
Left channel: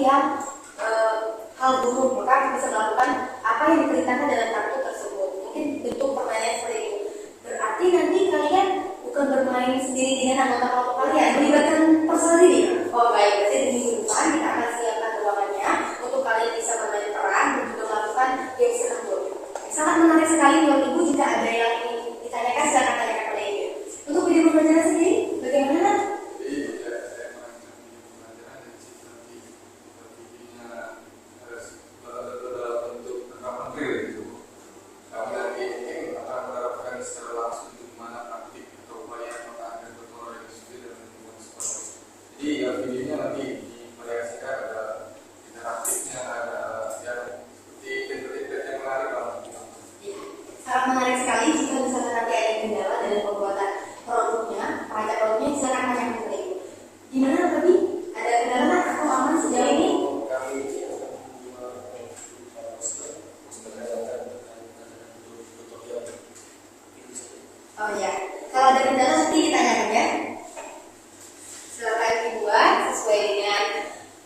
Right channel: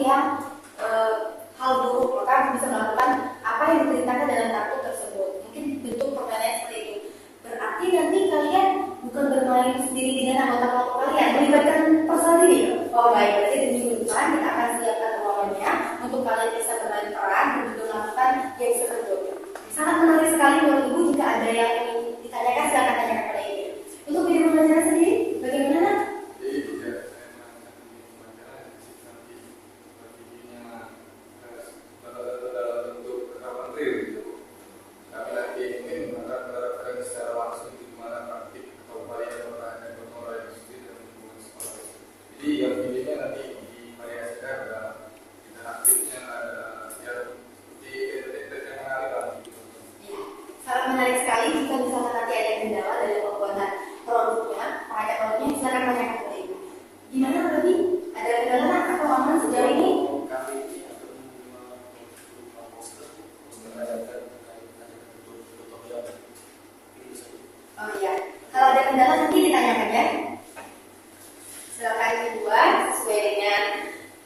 yang hal buruk, maka bisa melakukan apa yang diperintahkan dalam kartu tersebut. Mungkin bentuk permainan seperti itu. Berarti nanti kalian bukan bermain sendiri dengan anggota kelompok kalian, melibatkan personil. Oh baik, berarti di minggu depan kita akan siapkan ruangannya untuk kalian bisa bermain peran dan juga melakukan game tersebut. Sangat menarik sekali buat ibu. Jika ada yang ingin ditanyakan, silakan tanyakan pada ibu. Untuk video pembelajaran sendiri, bagaimana? Jadi ya videonya nanti divariasikan, ada interaktifnya, ada yang seperti template yang menarik lah. Ya, sangat menarik sekali. Jika misalnya nanti ada kendala dalam pembuatan produknya, perancang produknya, silakan tanyakan kepada ibu. Gimana tadi? Ada kendala nggak atau aman sejauh ini? Kami ini akan membuat poster ajakan untuk tutorial. Oh iya, kalau ada kendala nanti ditanyakan ya. Silakan dibuat sesuai dengan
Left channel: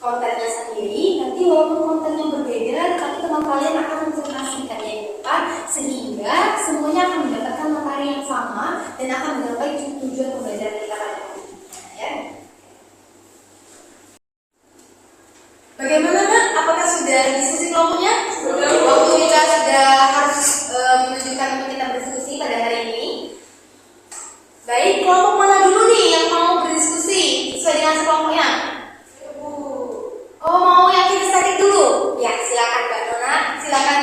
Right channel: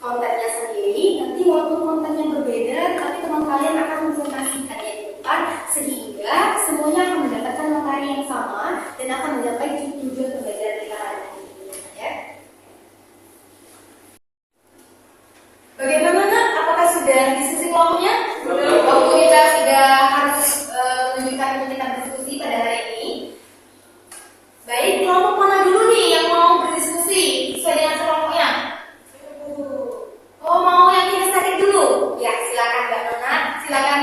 kontennya sendiri. Nanti walaupun kontennya berbeda, tapi teman kalian akan menjelaskannya di depan sehingga semuanya akan mendapatkan materi yang sama dan akan mencapai tujuan pembelajaran kita pada hari ini. Ya. Bagaimana nak? Apakah sudah diskusi kelompoknya? Sudah. Waktu kita sudah harus menunjukkan untuk kita berdiskusi pada hari ini. Baik, kelompok mana dulu nih yang mau berdiskusi sesuai dengan sekelompoknya? Oh, mau yang kinestetik dulu? Ya, silakan Mbak Nona. Silakan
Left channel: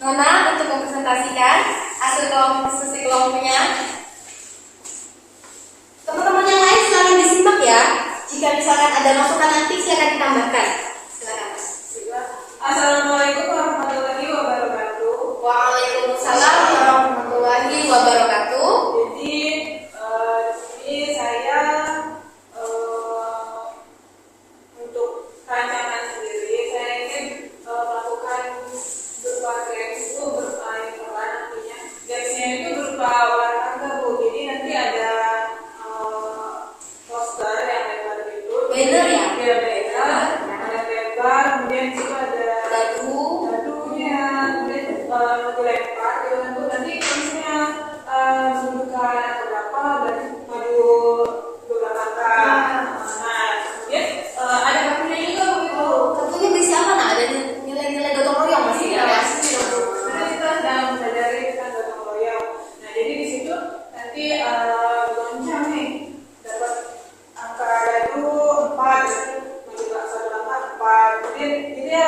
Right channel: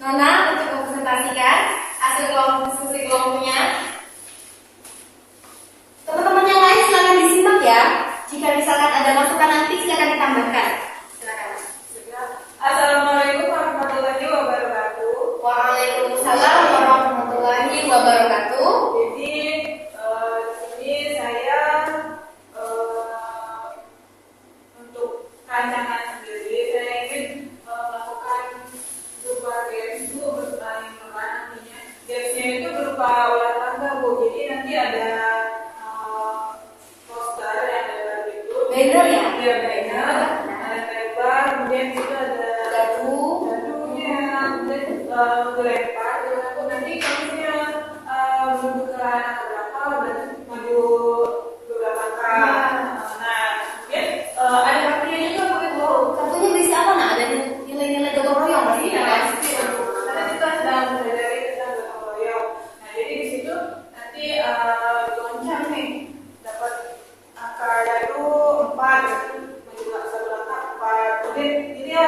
Nona untuk mempresentasikan hasil kelompok diskusi kelompoknya. Teman-teman yang lain silakan disimak ya. Jika misalkan ada masukan nanti silakan ditambahkan. Silakan. Assalamualaikum warahmatullahi wabarakatuh. Waalaikumsalam warahmatullahi wabarakatuh. Jadi ini saya untuk rancangan sendiri saya ingin melakukan berupa games itu bermain peran nantinya. Gamesnya itu berupa olahraga Bu. Jadi nanti ada poster yang lebar gitu. Banner ya? Iya banner. Ada lebar. Kemudian itu ada dadunya. Kemudian dilempar di itu nanti misalnya membutuhkan angka berapa dan maju beberapa langkah. Nah, kemudian ada kartunya juga begitu. Kartunya berisi apa nak? Ada nilai-nilai gotong royong masih Iya, ya? karena kita sedang mempelajari tentang gotong royong. Nah, jadi di situ nanti goncang nih dapat angka dadu 4, maju satu langkah 4. Kemudian dia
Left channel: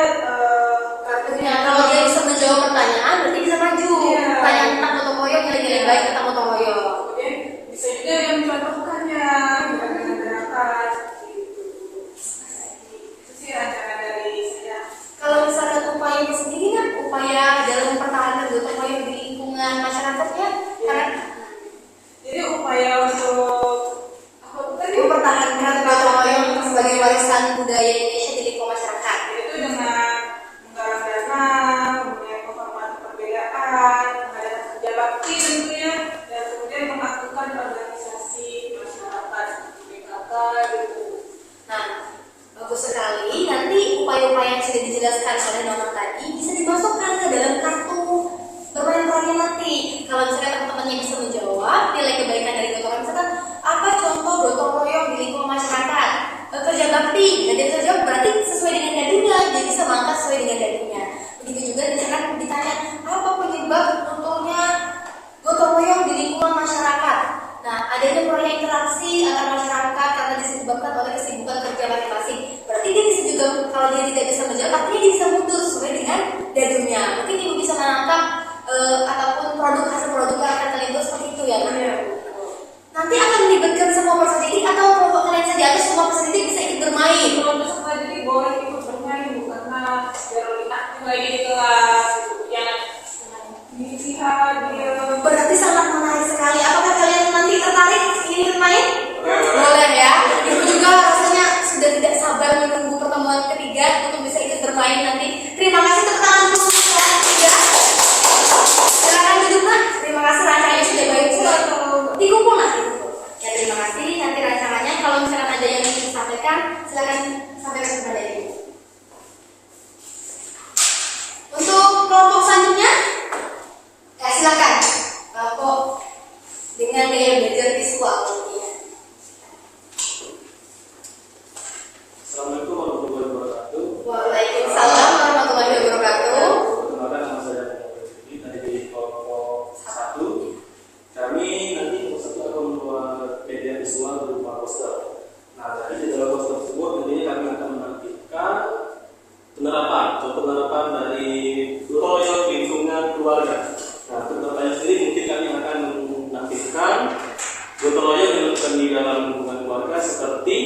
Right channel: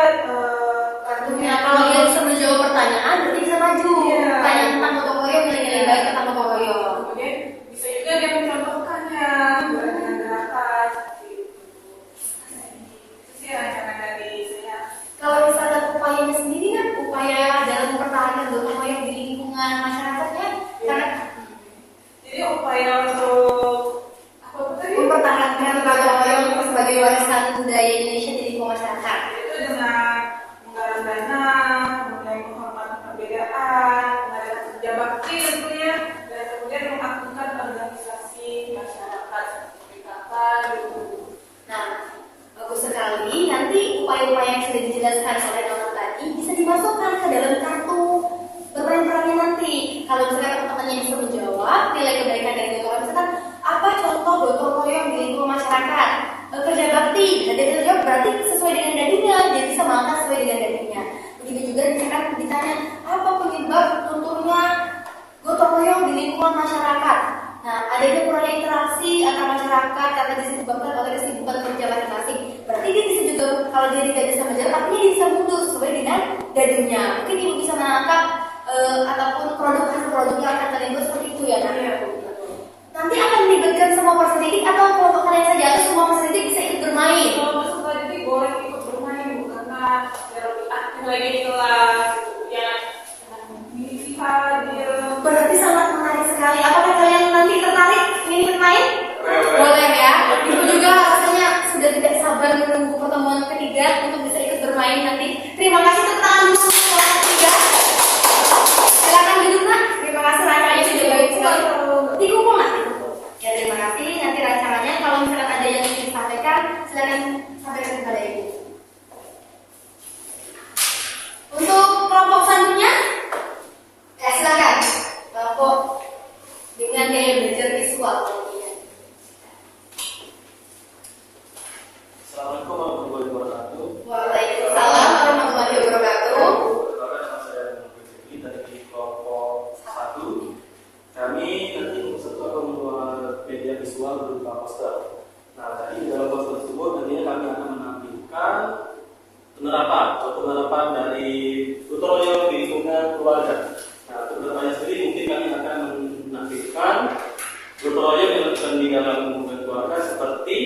Kartunya kalau dia bisa menjawab pertanyaan berarti bisa maju. Iya. Pertanyaan tentang gotong royong, nilai-nilai baik tentang gotong royong. kemudian bisa juga dia mencontohkannya gerakan-gerakan seperti itu. Itu sih rancangan dari saya. Kalau misalkan upayanya sendiri kan upaya dalam mempertahankan gotong royong di lingkungan masyarakatnya, karena Jadi upaya untuk apa tadi? mempertahankan gotong royong sebagai warisan budaya Indonesia di lingkungan masyarakat. Yaitu dengan menggalang dana, kemudian menghormati perbedaan, mengadakan kerja bakti tentunya, dan kemudian mengaktifkan organisasi masyarakat seperti PKK gitu. Nah, bagus sekali. Nanti upaya-upaya yang sudah dijelaskan oleh Nona tadi bisa dimasukkan ke dalam kartu bermain perannya nanti. Kalau misalnya teman-temannya bisa menjawab nilai kebaikan dari gotong royong, misalkan apa contoh gotong royong di lingkungan masyarakat, kerja bakti, dan dia terjawab berarti sesuai dengan dadunya, dia bisa mengangkat sesuai dengan dadunya. Begitu juga misalkan ditanya apa penyebab lunturnya gotong royong di lingkungan masyarakat. Nah, adanya proyek interaksi antar masyarakat karena disebabkan oleh kesibukan kerja masing-masing. Berarti dia bisa juga, kalau dia tidak bisa menjawab, artinya dia bisa mundur sesuai dengan dadunya. Mungkin ibu bisa menangkap ataupun hasil produk yang akan kalian buat seperti itu ya. Nah, nanti akan melibatkan semua peserta didik atau kelompok kalian saja atau semua peserta didik bisa ikut bermain? Kalau peserta didik boleh ikut bermain Bu, karena biar lebih aktif lagi di kelas gitu. Ya, mengisi hadir. Berarti sangat menarik sekali. Apakah kalian nanti tertarik ingin bermain? Boleh ya. Ibu juga rasanya sudah tidak sabar menunggu pertemuan ketiga untuk bisa ikut bermain nanti. Terima kasih, tepuk tangan dulu untuk kelas ketiga. Silakan duduk nak. Terima kasih, rancangannya sudah baik sekali. Dikumpul nak. Ya, terima kasih. Nanti rancangannya kalau misalkan ada yang ingin disampaikan, silakan sampaikan kepada ibu. contoh penerapan dari gotong royong di lingkungan keluarga. Nah, untuk penerapannya sendiri mungkin kami akan menampilkan gotong royong yang dilakukan di dalam lingkungan keluarga seperti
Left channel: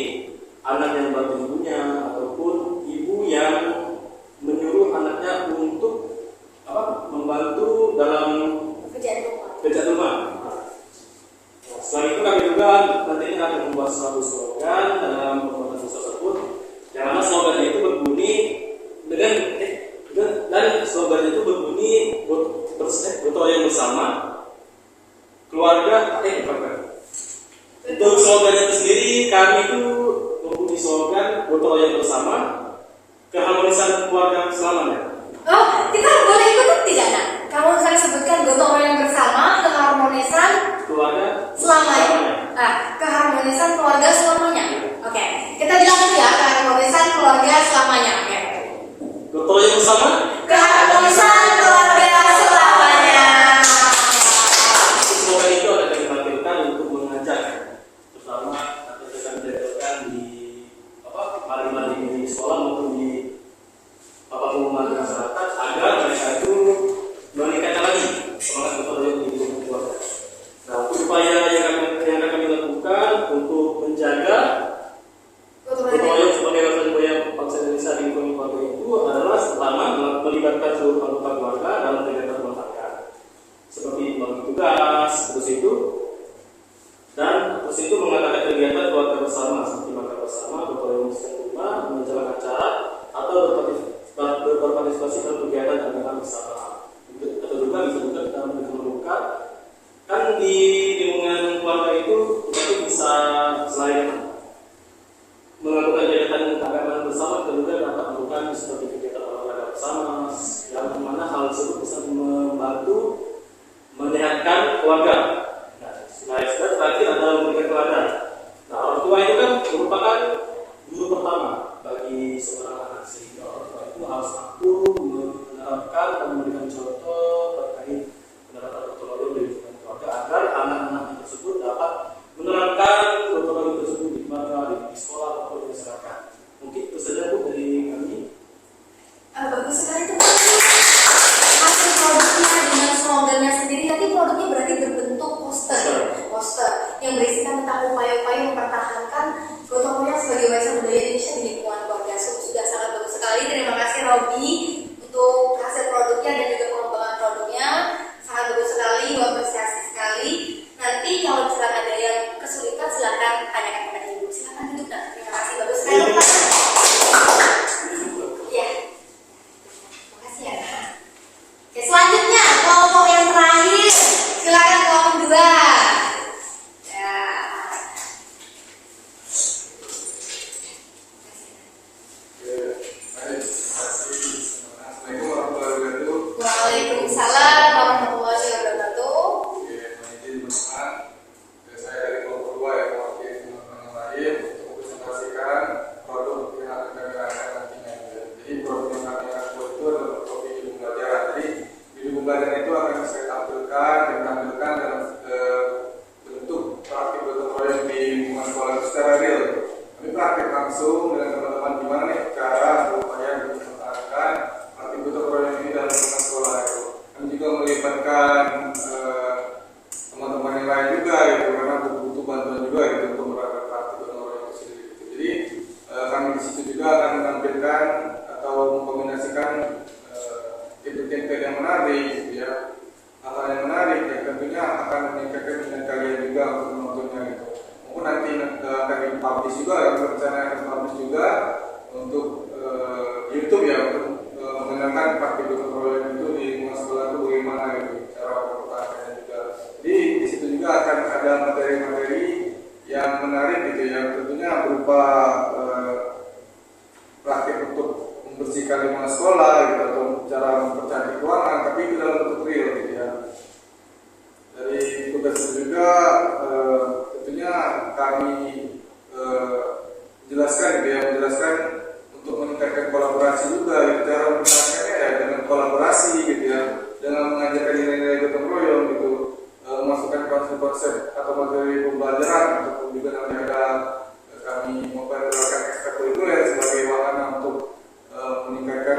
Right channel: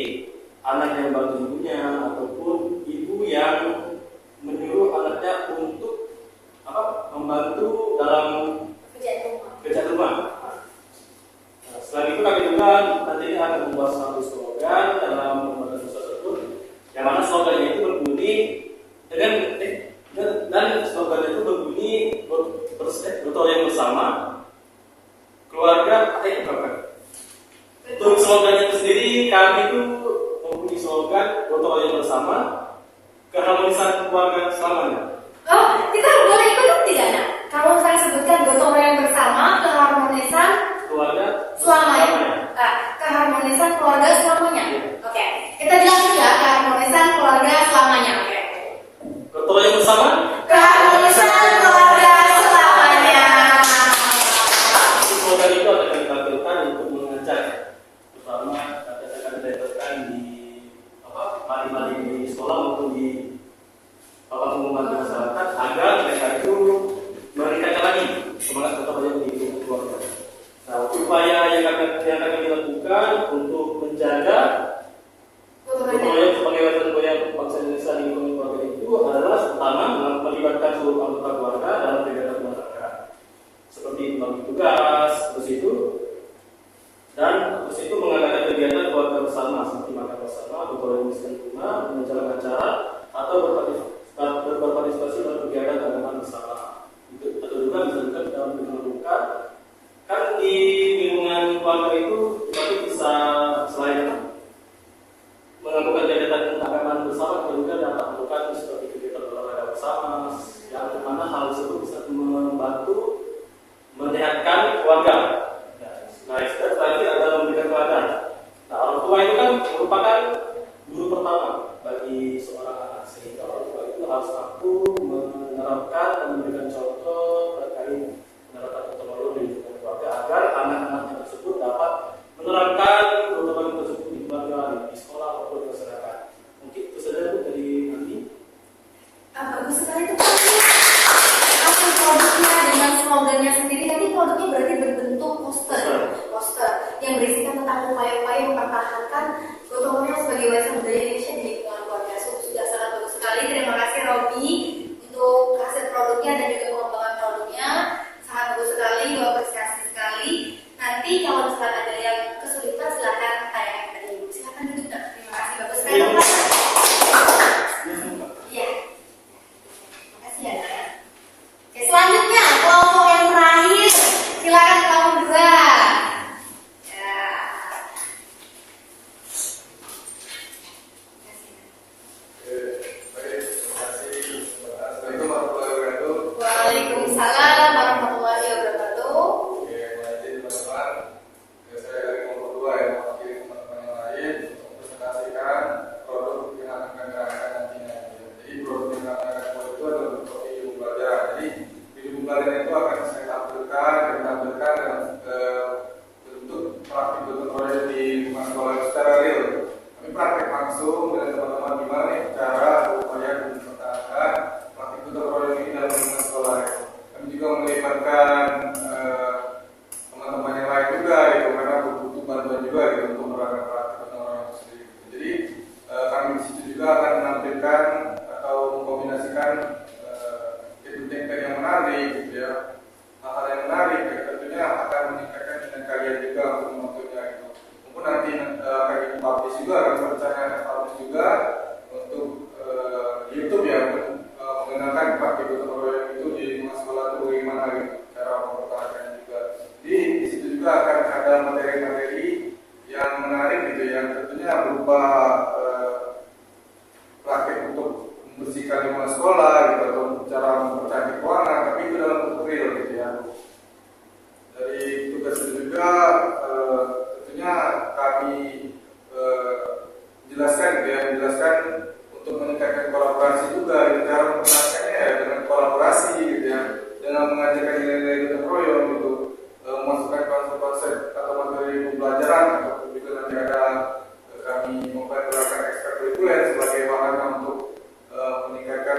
anak yang bantu ibunya ataupun ibu yang menyuruh anaknya untuk membantu dalam kerjaan rumah. Nah, setelah itu kami juga nanti akan membuat suatu slogan dalam pembuatan tersebut, yang mana slogan itu berbunyi dan slogan itu berbunyi gotong royong bersama keluarga Untuk slogan itu sendiri kami itu mempunyai slogan gotong royong bersama keharmonisan keluarga selamanya. Oh, kita boleh ikutan tidak, Nak? Kalau saya sebutkan gotong royong bersama, keharmonisan Keluarga selamanya. Keharmonisan keluarga selamanya. Oke, kita bilang dulu ya, keharmonisan keluarga selamanya. Oke. gotong royong bersama Keharmonisan keluarga selamanya. slogan itu akan kami tampilkan untuk mengajak, terutama akan kami tampilkan di mari-mari di sekolah maupun di pengumuman di masyarakat agar mereka itu meningkatkan lagi semangat gotong royong di lingkungan keluarga. Nah, upaya yang akan kami lakukan untuk menjaga gotong royong sebagai wajan bangsa Indonesia di lingkungan keluarga itu adalah pertama melibatkan seluruh anggota keluarga dalam kegiatan rumah tangga, seperti bagi tugas, terus itu mengadakan kegiatan keluarga bersama seperti makan bersama, gotong royong di rumah, menjalankan acara atau berpartisipasi dalam kegiatan keagamaan bersama. Atau juga bisa juga dalam lingkungan kan di lingkungan keluarga itu kita bisa selain melakukan kegiatan keagamaan bersama, kita juga dapat melakukan seperti kegiatan olahraga bersama, yang mana hal tersebut bisa membantu menyehatkan keluarga. Nah, terakhir adalah memberikan teladan. Nah, orang tua itu kan merupakan guru pertama bagi seorang anak, sehingga orang tua itu harus mampu menerapkan dan memberikan contoh terkait menerapkan gotong royong di lingkungan keluarga agar anak-anaknya tersebut dapat menerapkan gotong royong tersebut di keluarga, di sekolah maupun di masyarakat. Mungkin itu saja Bu dari kami. Bagus sekali itu. Hasil produknya dengan slogannya sendiri, nanti produknya berarti berbentuk poster yang berisikan tentang upaya-upaya mempertahankan gotong royong sebagai warisan budaya Indonesia di lingkungan keluarga. Sudah sangat bagus sekali. Terima kasih Robi untuk hasil produknya dan juga pengembangan produknya. Sangat bagus sekali, apresiasi sekali. Nanti kalau misalkan ada yang kesulitan silakan tanyakan kepada Ibu. Silakan duduk, Nak. Terima kasih, bagus sekali. Iya. Makasih ya, Nak. Oke, selanjutnya kelompok yang terakhir. Silakan kelompok 2. Waalaikumsalam warahmatullahi wabarakatuh. Oke, baik teman-teman. Saya dari kelompok 2 yang mewakili teman-teman yang lain untuk presentasikan produk yang akan kami rancang nantinya. Jadi produk yang kami akan buat itu adalah bentuk video pembelajaran. Jadi video pembelajaran itu akan saya tampilkan dalam bentuk praktik gotong royong di lingkungan sekolah secara real. Kami praktik langsung dengan teman-teman gimana nih cara upaya mempertahankan praktik gotong royong ini dalam lingkungan sekolah. Kami juga melibatkan teman-teman yang lain juga gitu, karena butuh bantuan juga gitu untuk menerapkan praktik gotong royong itu sendiri gitu. Jadi kami di situ juga akan menampilkan atau mengkombinasikan template yang menarik gitu ya, hal yang menarik ya, tentunya akan meningkatkan minat kalian juga untuk menontonnya gitu. Mungkin nanti akan dipublish juga, rencana akan publish juga untuk YouTube ya, untuk mengenalkan praktik gotong royong itu di lingkungan sekolah itu bagaimana gitu, cara mempertahankannya juga. Jadi di situ juga akan ada materi-materi yang menarik gitu, yang tentunya berupa praktik untuk membersihkan lingkungan sekolah gitu, atau cara mempercantik ruangan, tapi itu dalam bentuk real gitu ya. Dari tugas itu juga tentunya kami jelaskan gitu ya, menjelaskan untuk meningkatkan kolaborasi juga gitu. Cara mempertahankannya ya dengan kolaborasi gitu ya, dengan mengajarkan nilai-nilai gotong royong gitu, memasukkan konsep-konsep atau materi pembelajaran, ataupun juga nanti ada kami memperkenalkan ekstrakurikuler sebagai wahana untuk meningkatkan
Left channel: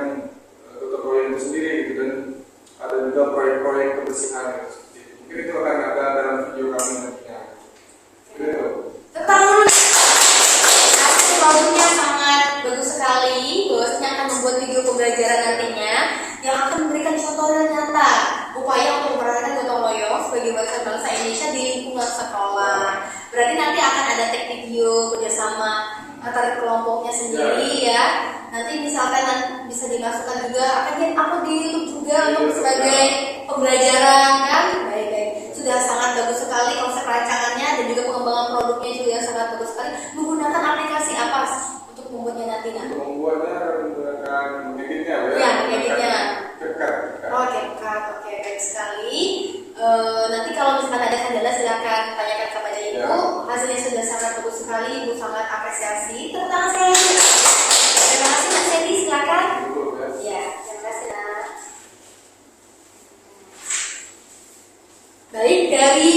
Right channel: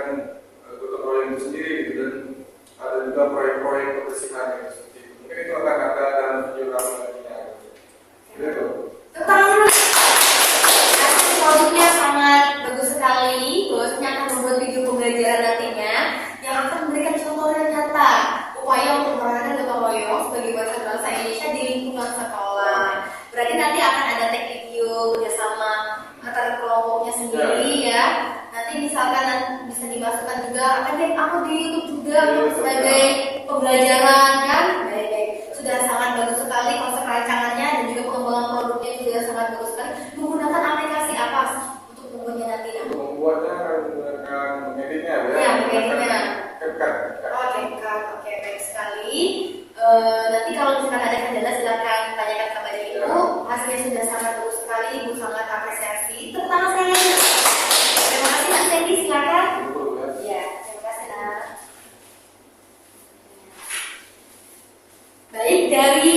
kebersihan itu seperti itu. Mungkin itu akan ada dalam video kami nantinya. Begitu. Tentang dulu. Hasil produknya sangat bagus sekali. Bahwasanya akan membuat video pembelajaran nantinya yang akan memberikan contoh dan nyata upaya untuk memperankan gotong royong sebagai warisan bangsa Indonesia di lingkungan sekolah. Berarti nanti akan ada tag video kerjasama antar kelompoknya sendiri ya. Nanti misalkan bisa dimasukkan juga akan di-upload di YouTube juga untuk sebagai pembelajaran kan. Baik-baik. Sudah sangat bagus sekali konsep rancangannya dan juga pengembangan produknya juga sangat bagus sekali. Menggunakan aplikasi apa untuk membuatnya nanti? Untuk membuatnya menggunakan mengeditnya ya. Ya, mengeditnya. Kekat. Oke, baik sekali. Nanti kalau misalkan ada kendala silakan tanyakan kepada Ibu. Ya. Hasilnya sudah sangat bagus sekali, Ibu sangat apresiasi. Tepuk tangan saya. Terima kasih Nak Sandy, silakan. Ya, terima kasih Nak. Baik, dari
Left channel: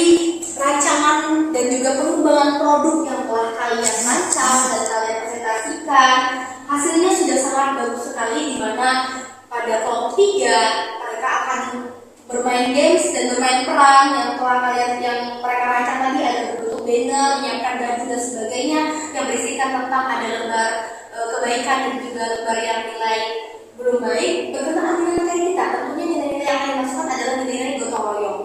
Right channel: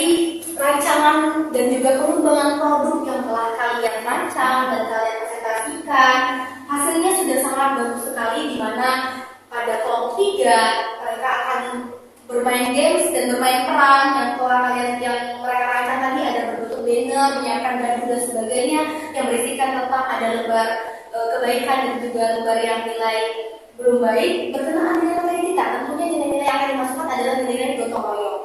rancangan dan juga pengembangan produk yang telah kalian rancang dan kalian presentasikan, hasilnya sudah sangat bagus sekali, di mana pada kelompok 3 mereka akan bermain games dan bermain peran yang telah mereka rancang tadi, ada berbentuk banner, menyiapkan baju dan sebagainya yang berisikan tentang ada lembar kebaikan dan juga lembar yang nilai belum baik berkenaan dengan nilai kita. Tentunya nilai-nilai yang akan dimasukkan adalah nilai-nilai gotong royong.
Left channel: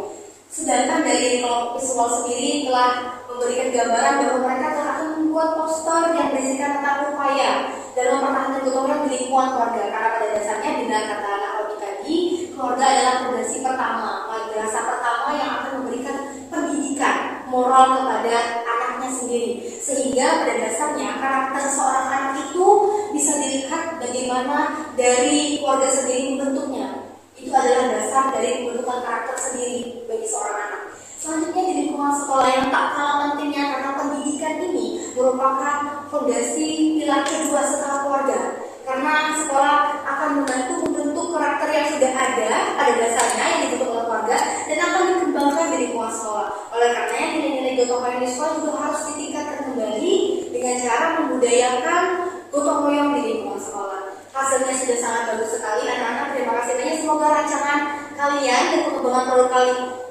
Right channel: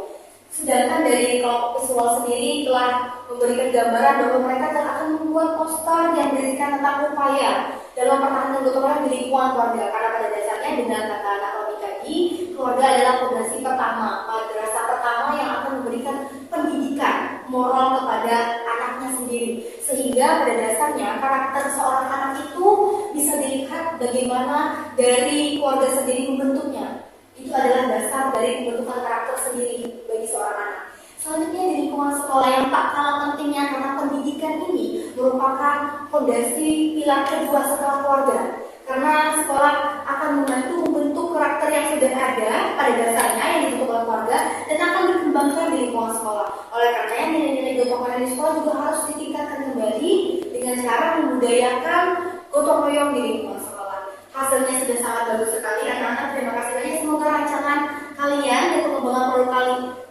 Sedangkan dari kelompok visual sendiri telah memberikan gambaran bahwa mereka telah akan membuat poster yang berisikan tentang upaya dalam mempertahankan gotong royong di lingkungan keluarga. Karena pada dasarnya dengan kata Nak Rodi tadi, keluarga adalah fondasi pertama, madrasah pertama yang akan memberikan pendidikan moral kepada anaknya sendiri. Sehingga pada dasarnya karakter seorang anak itu bisa dilihat bagaimana dari keluarga sendiri membentuknya. Itu adalah dasar dari pembentukan karakter sendiri bagi seorang anak. Selanjutnya di lingkungan sekolah yang tak kalah pentingnya, karena pendidikan ini merupakan fondasi pilar kedua setelah keluarga. Karena sekolah akan membantu membentuk karakter yang sudah ada pada dasarnya yang dibentuk oleh keluarga dan akan dikembangkan di lingkungan sekolah. Oleh karenanya nilai-nilai gotong royong di sekolah juga harus ditingkatkan kembali dengan cara membudayakan gotong royong di lingkungan sekolah. Hasilnya sudah sangat bagus sekali anak-anak. Terima kasih banyak. Semoga rancangan kalian dan pengembangan produk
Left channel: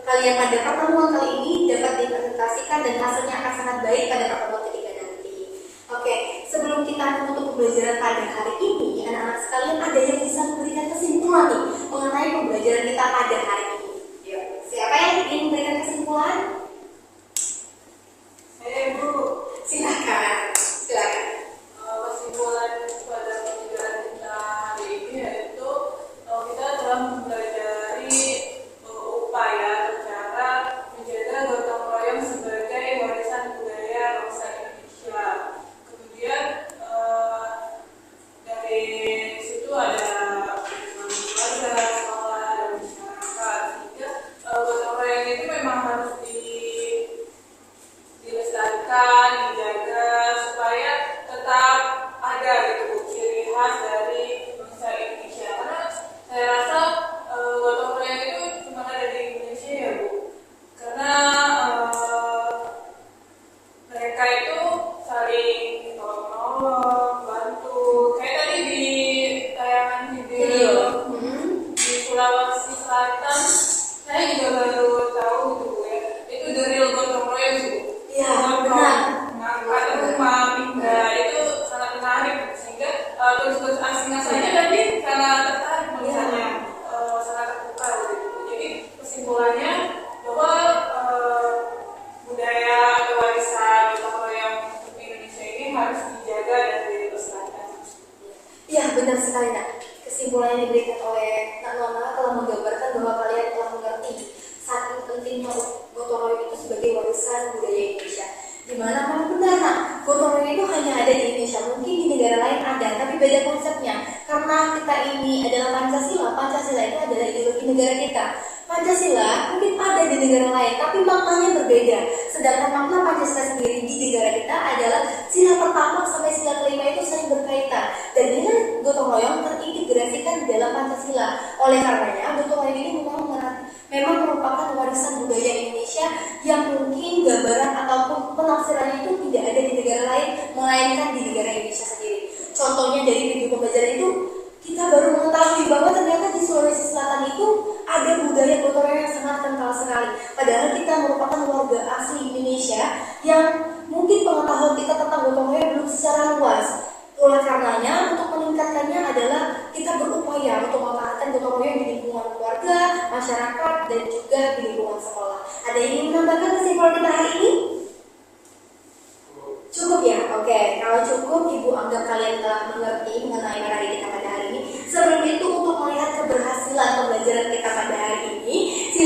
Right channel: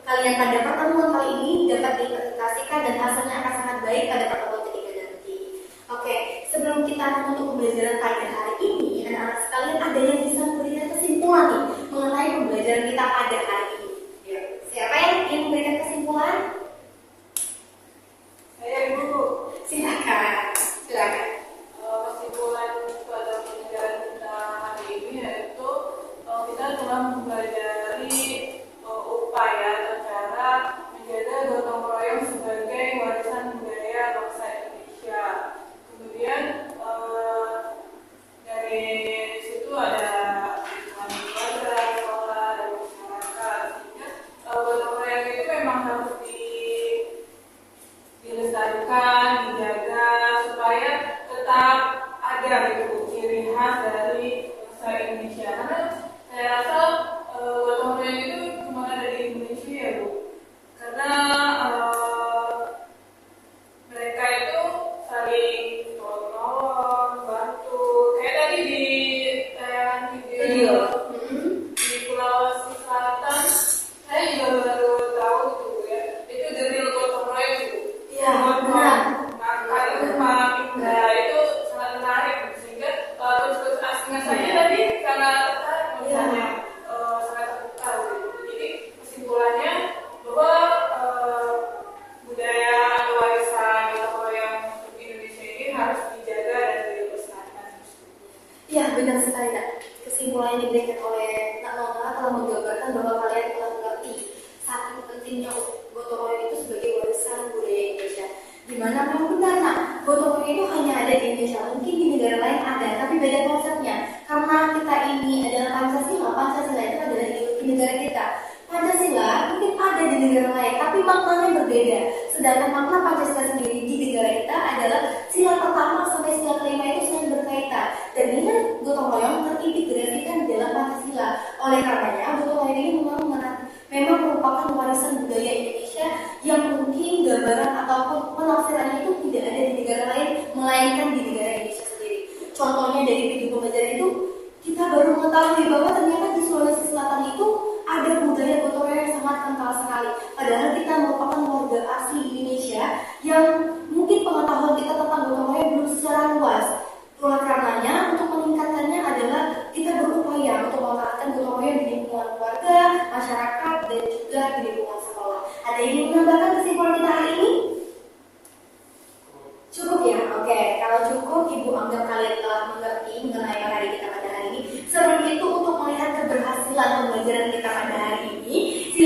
kalian pada pertemuan kali ini dapat dipresentasikan dan hasilnya akan sangat baik pada pertemuan ketiga nanti. Oke, sebelum kita menutup pembelajaran pada hari ini, anak-anak sekalian ada yang bisa memberikan kesimpulan nih mengenai pembelajaran kita pada hari ini. Siapa yang ingin memberikan kesimpulan? Saya Ibu. Silakan. Kesimpulan pada pembelajaran kita hari ini yaitu kita telah mempelajari upaya atau cara menjaga gotong royong sebagai warisan budaya bangsa Indonesia. Kemudian dari situ ada lingkungan keluarga, sekolah, dan masyarakat. Sehingga gotong royong itu memang harus dilestarikan, dijaga supaya tetap ada gitu ciri khas dari bangsa Indonesia. Karena saya rasa gotong royong itu cuma ada di Indonesia ya Bu. Karena mereka itu saling tolong-menolong, bantu. Kayak tadi di tayangan video. Di Sulawesi Selatan, saya juga baru tahu gitu ya. Itu the real gotong royong gitu. Iya, benar. Mengangkat rumah mingga itu sangat menarik sehingga turis-turis asing saja tadi sangat tertarik melihatnya, sangat terbuka gitu. Jadi kesimpulannya bahwa budaya atau warisan gotong royong untuk Indonesia ini harus dijaga dan dilestarikan. Iya, benar sekali Nak. Kesimpulan yang diberikan oleh Nak Nona telah menggambarkan bahwa kalian telah mengerti saking pentingnya gotong royong itu sebagai warisan budaya Indonesia. Dimana memang benar Nak, gotong royong itu hanya ada di Indonesia, mungkin di negara lain ada, tapi beda konsepnya. Karena kita ini adalah Pancasila, Pancasila itu adalah ideologi negara kita. Pancasila mungkin ada di negara lain, tapi maknanya berbeda. Sedangkan makna Pancasila sendiri di negara kita adalah sila pertama sampai sila kelima itu saling berkaitan. Dan dengan gotong royong terintegrasikan di dalam Pancasila. Oleh karenanya, gotong royong ini memang merupakan warisan budaya Indonesia yang mungkin gambaran ataupun penafsirannya itu tidak ada di negara lain, melainkan di negara Indonesia sendiri. Contohnya dari video pembelajaran itu, kita baru mengetahui bahwa ternyata di Sulawesi Selatan itu ada budaya gotong royong yang sangat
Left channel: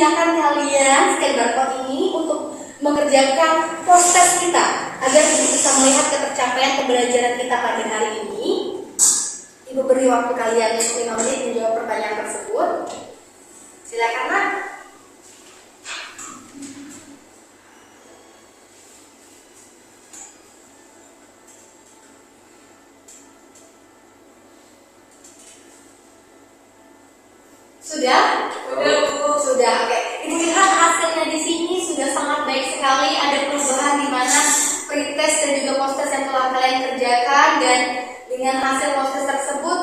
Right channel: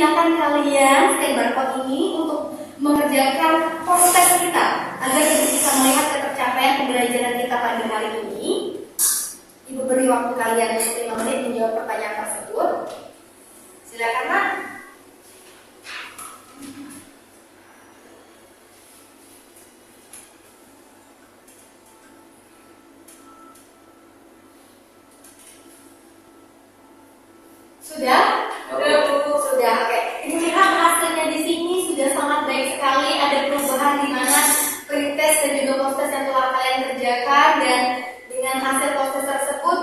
silakan kalian scan barcode ini untuk mengerjakan proses kita agar Ibu bisa melihat ketercapaian pembelajaran kita pada hari ini. Ibu beri waktu kalian 5 menit menjawab pertanyaan tersebut. Silakan, Nak. Sudah? Sudah, Bu. Sudah, oke. Ibu lihat hasilnya di sini sudah sangat baik sekali. Ada perubahan di mana pretest dan juga post-test yang telah kalian kerjakan, dan dengan hasil post-test tersebut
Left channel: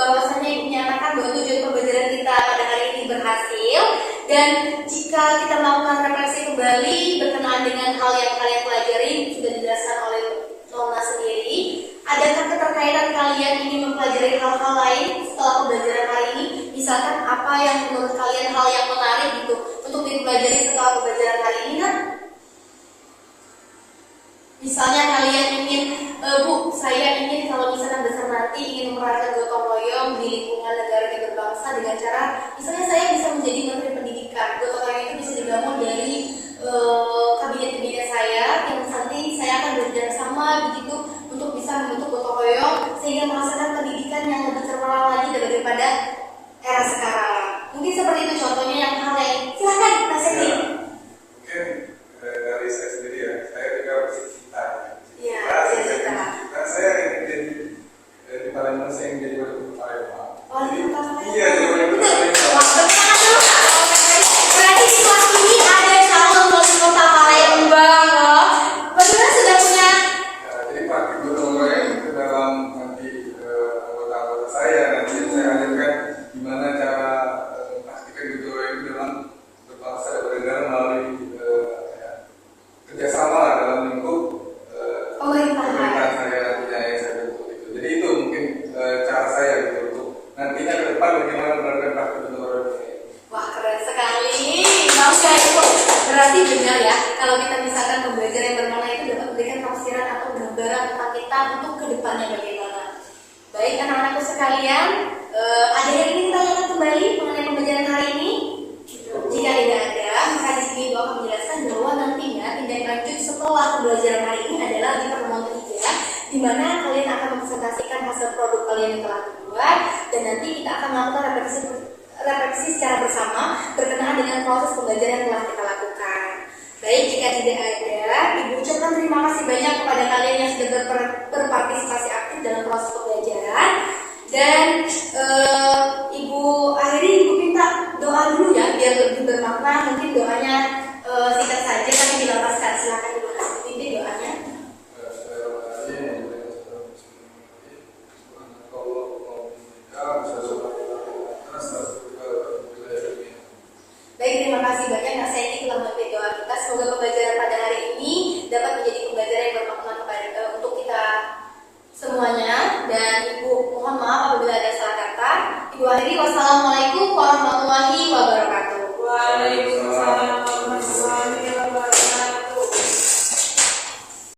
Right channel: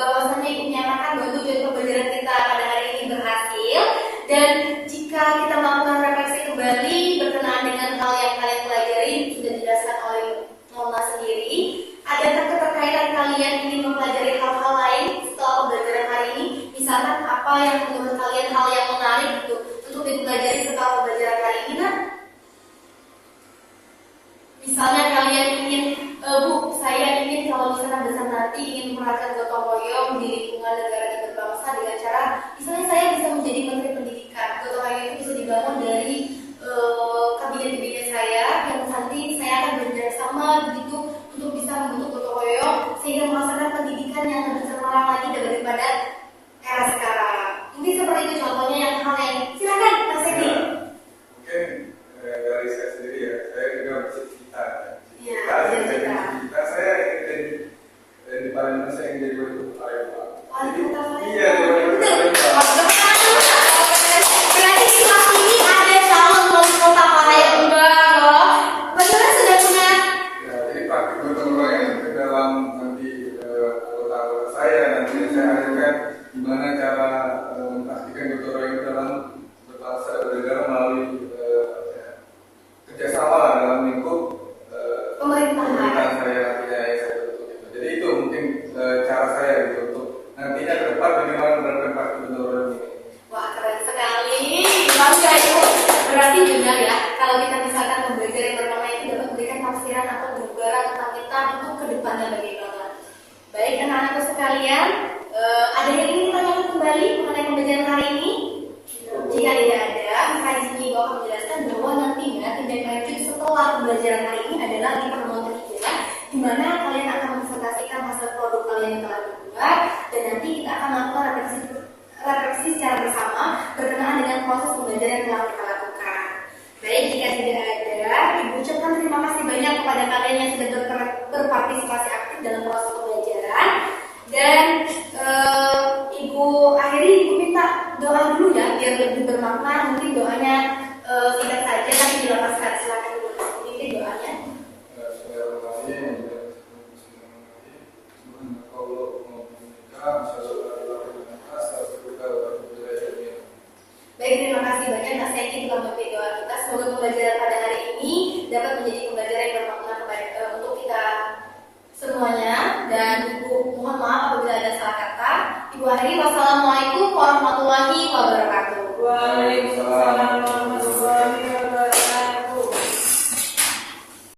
bahwasannya Ibu menyatakan bahwa tujuan pembelajaran kita pada hari ini berhasil. Dan jika kita melakukan refleksi kembali berkenaan dengan hal yang kalian pelajari sudah dijelaskan oleh Nona sendiri, adakah keterkaitan kalian ingin mempelajari hal-hal lain setelah pembelajaran hari ini? Misalkan apa yang menurut kalian hal yang menarik gitu untuk dipelajari setelah pembelajaran hari ini, Nak? Misalnya kalian ingin, Bu, saya ingin kalau misalkan besar nanti ingin menerapkan gotong royong di lingkungan negara dan berbangsa dengan cara, misalnya saya bisa menjadi menteri pendidikan. Gotong royong itu bisa dibangun dari kabinet-kabinet saya yang nanti saya akan bekerja sama begitu untuk bisa membentuk gotong royong sehingga menghasilkan pendidikan yang lebih cemerlang lagi daripada era sekarang. Mungkin seperti itu contohnya yang hal lain. Silakan, Mas Eki. Ya, mungkin dari saya sendiri ya, saya juga bercita-cita. Ya, Cita-cita saya ingin jadi paling mana saya ingin jadi wali kota Palembang. Wali kota Palembang. Iya, jadi wali kota Palembang. Berarti di kelas ini ada calon wali kota Palembang loh. Bagaimana sudah punya? Ya, jadi praktik gotong royong ke dalam nanti anggota-anggota saya nanti saya ajarkan gimana cara mempraktikkan gotong royong itu dalam berbahasa dan bernegara melalui kerjasama dalam lingkup pemerintahan saya nantinya yang saya bentuk itu. Jadi itu mungkin cara saya gitu untuk nantinya ke depan bagaimana menerapkan praktik gotong royong ini. Wah, keren sekali. Masya Allah. Berarti benar ya, kalau kita misalkan pembelajaran yang bermakna itu dapat memberikan tafsiran atau gambaran tentang kita untuk kedepannya bagaimana. Baik anak-anakku sekalian, ada yang ingin ditanyakan kembali mengenai pembelajaran hari ini? Jika tidak ada, maka di sini Ibu akan menjelaskan bahwa nantinya tindak lanjut setelah pembelajaran hari ini adalah di pertemuan ketiga, di mana kalian akan mempresentasikan hasil produk kalian yang telah dibuat, dan nanti kita akan melakukan refleksi secara bersama berkenaan dengan proses pembelajaran yang telah kita lakukan. Baik, jika tidak ada, Ibu ucapkan terima kasih banyak kepada kalian yang sudah berpartisipasi aktif dalam proses pembelajaran. Dan Ibu akhiri, Ibu minta doa dulu ya, biar lebih bermakna. Mungkin doanya singkat saja tapi dilepaskan. Silakan Ibu pimpin doanya. Baik, terima kasih banyak Nak Seki telah memimpin doa kita. Semoga pembelajaran pada hari ini dapat menjadi pembelajaran yang bermakna untuk kita semuanya. Dan Ibu mohon maaf apabila ada salah kata. Ibu akhiri, wassalamualaikum warahmatullahi wabarakatuh.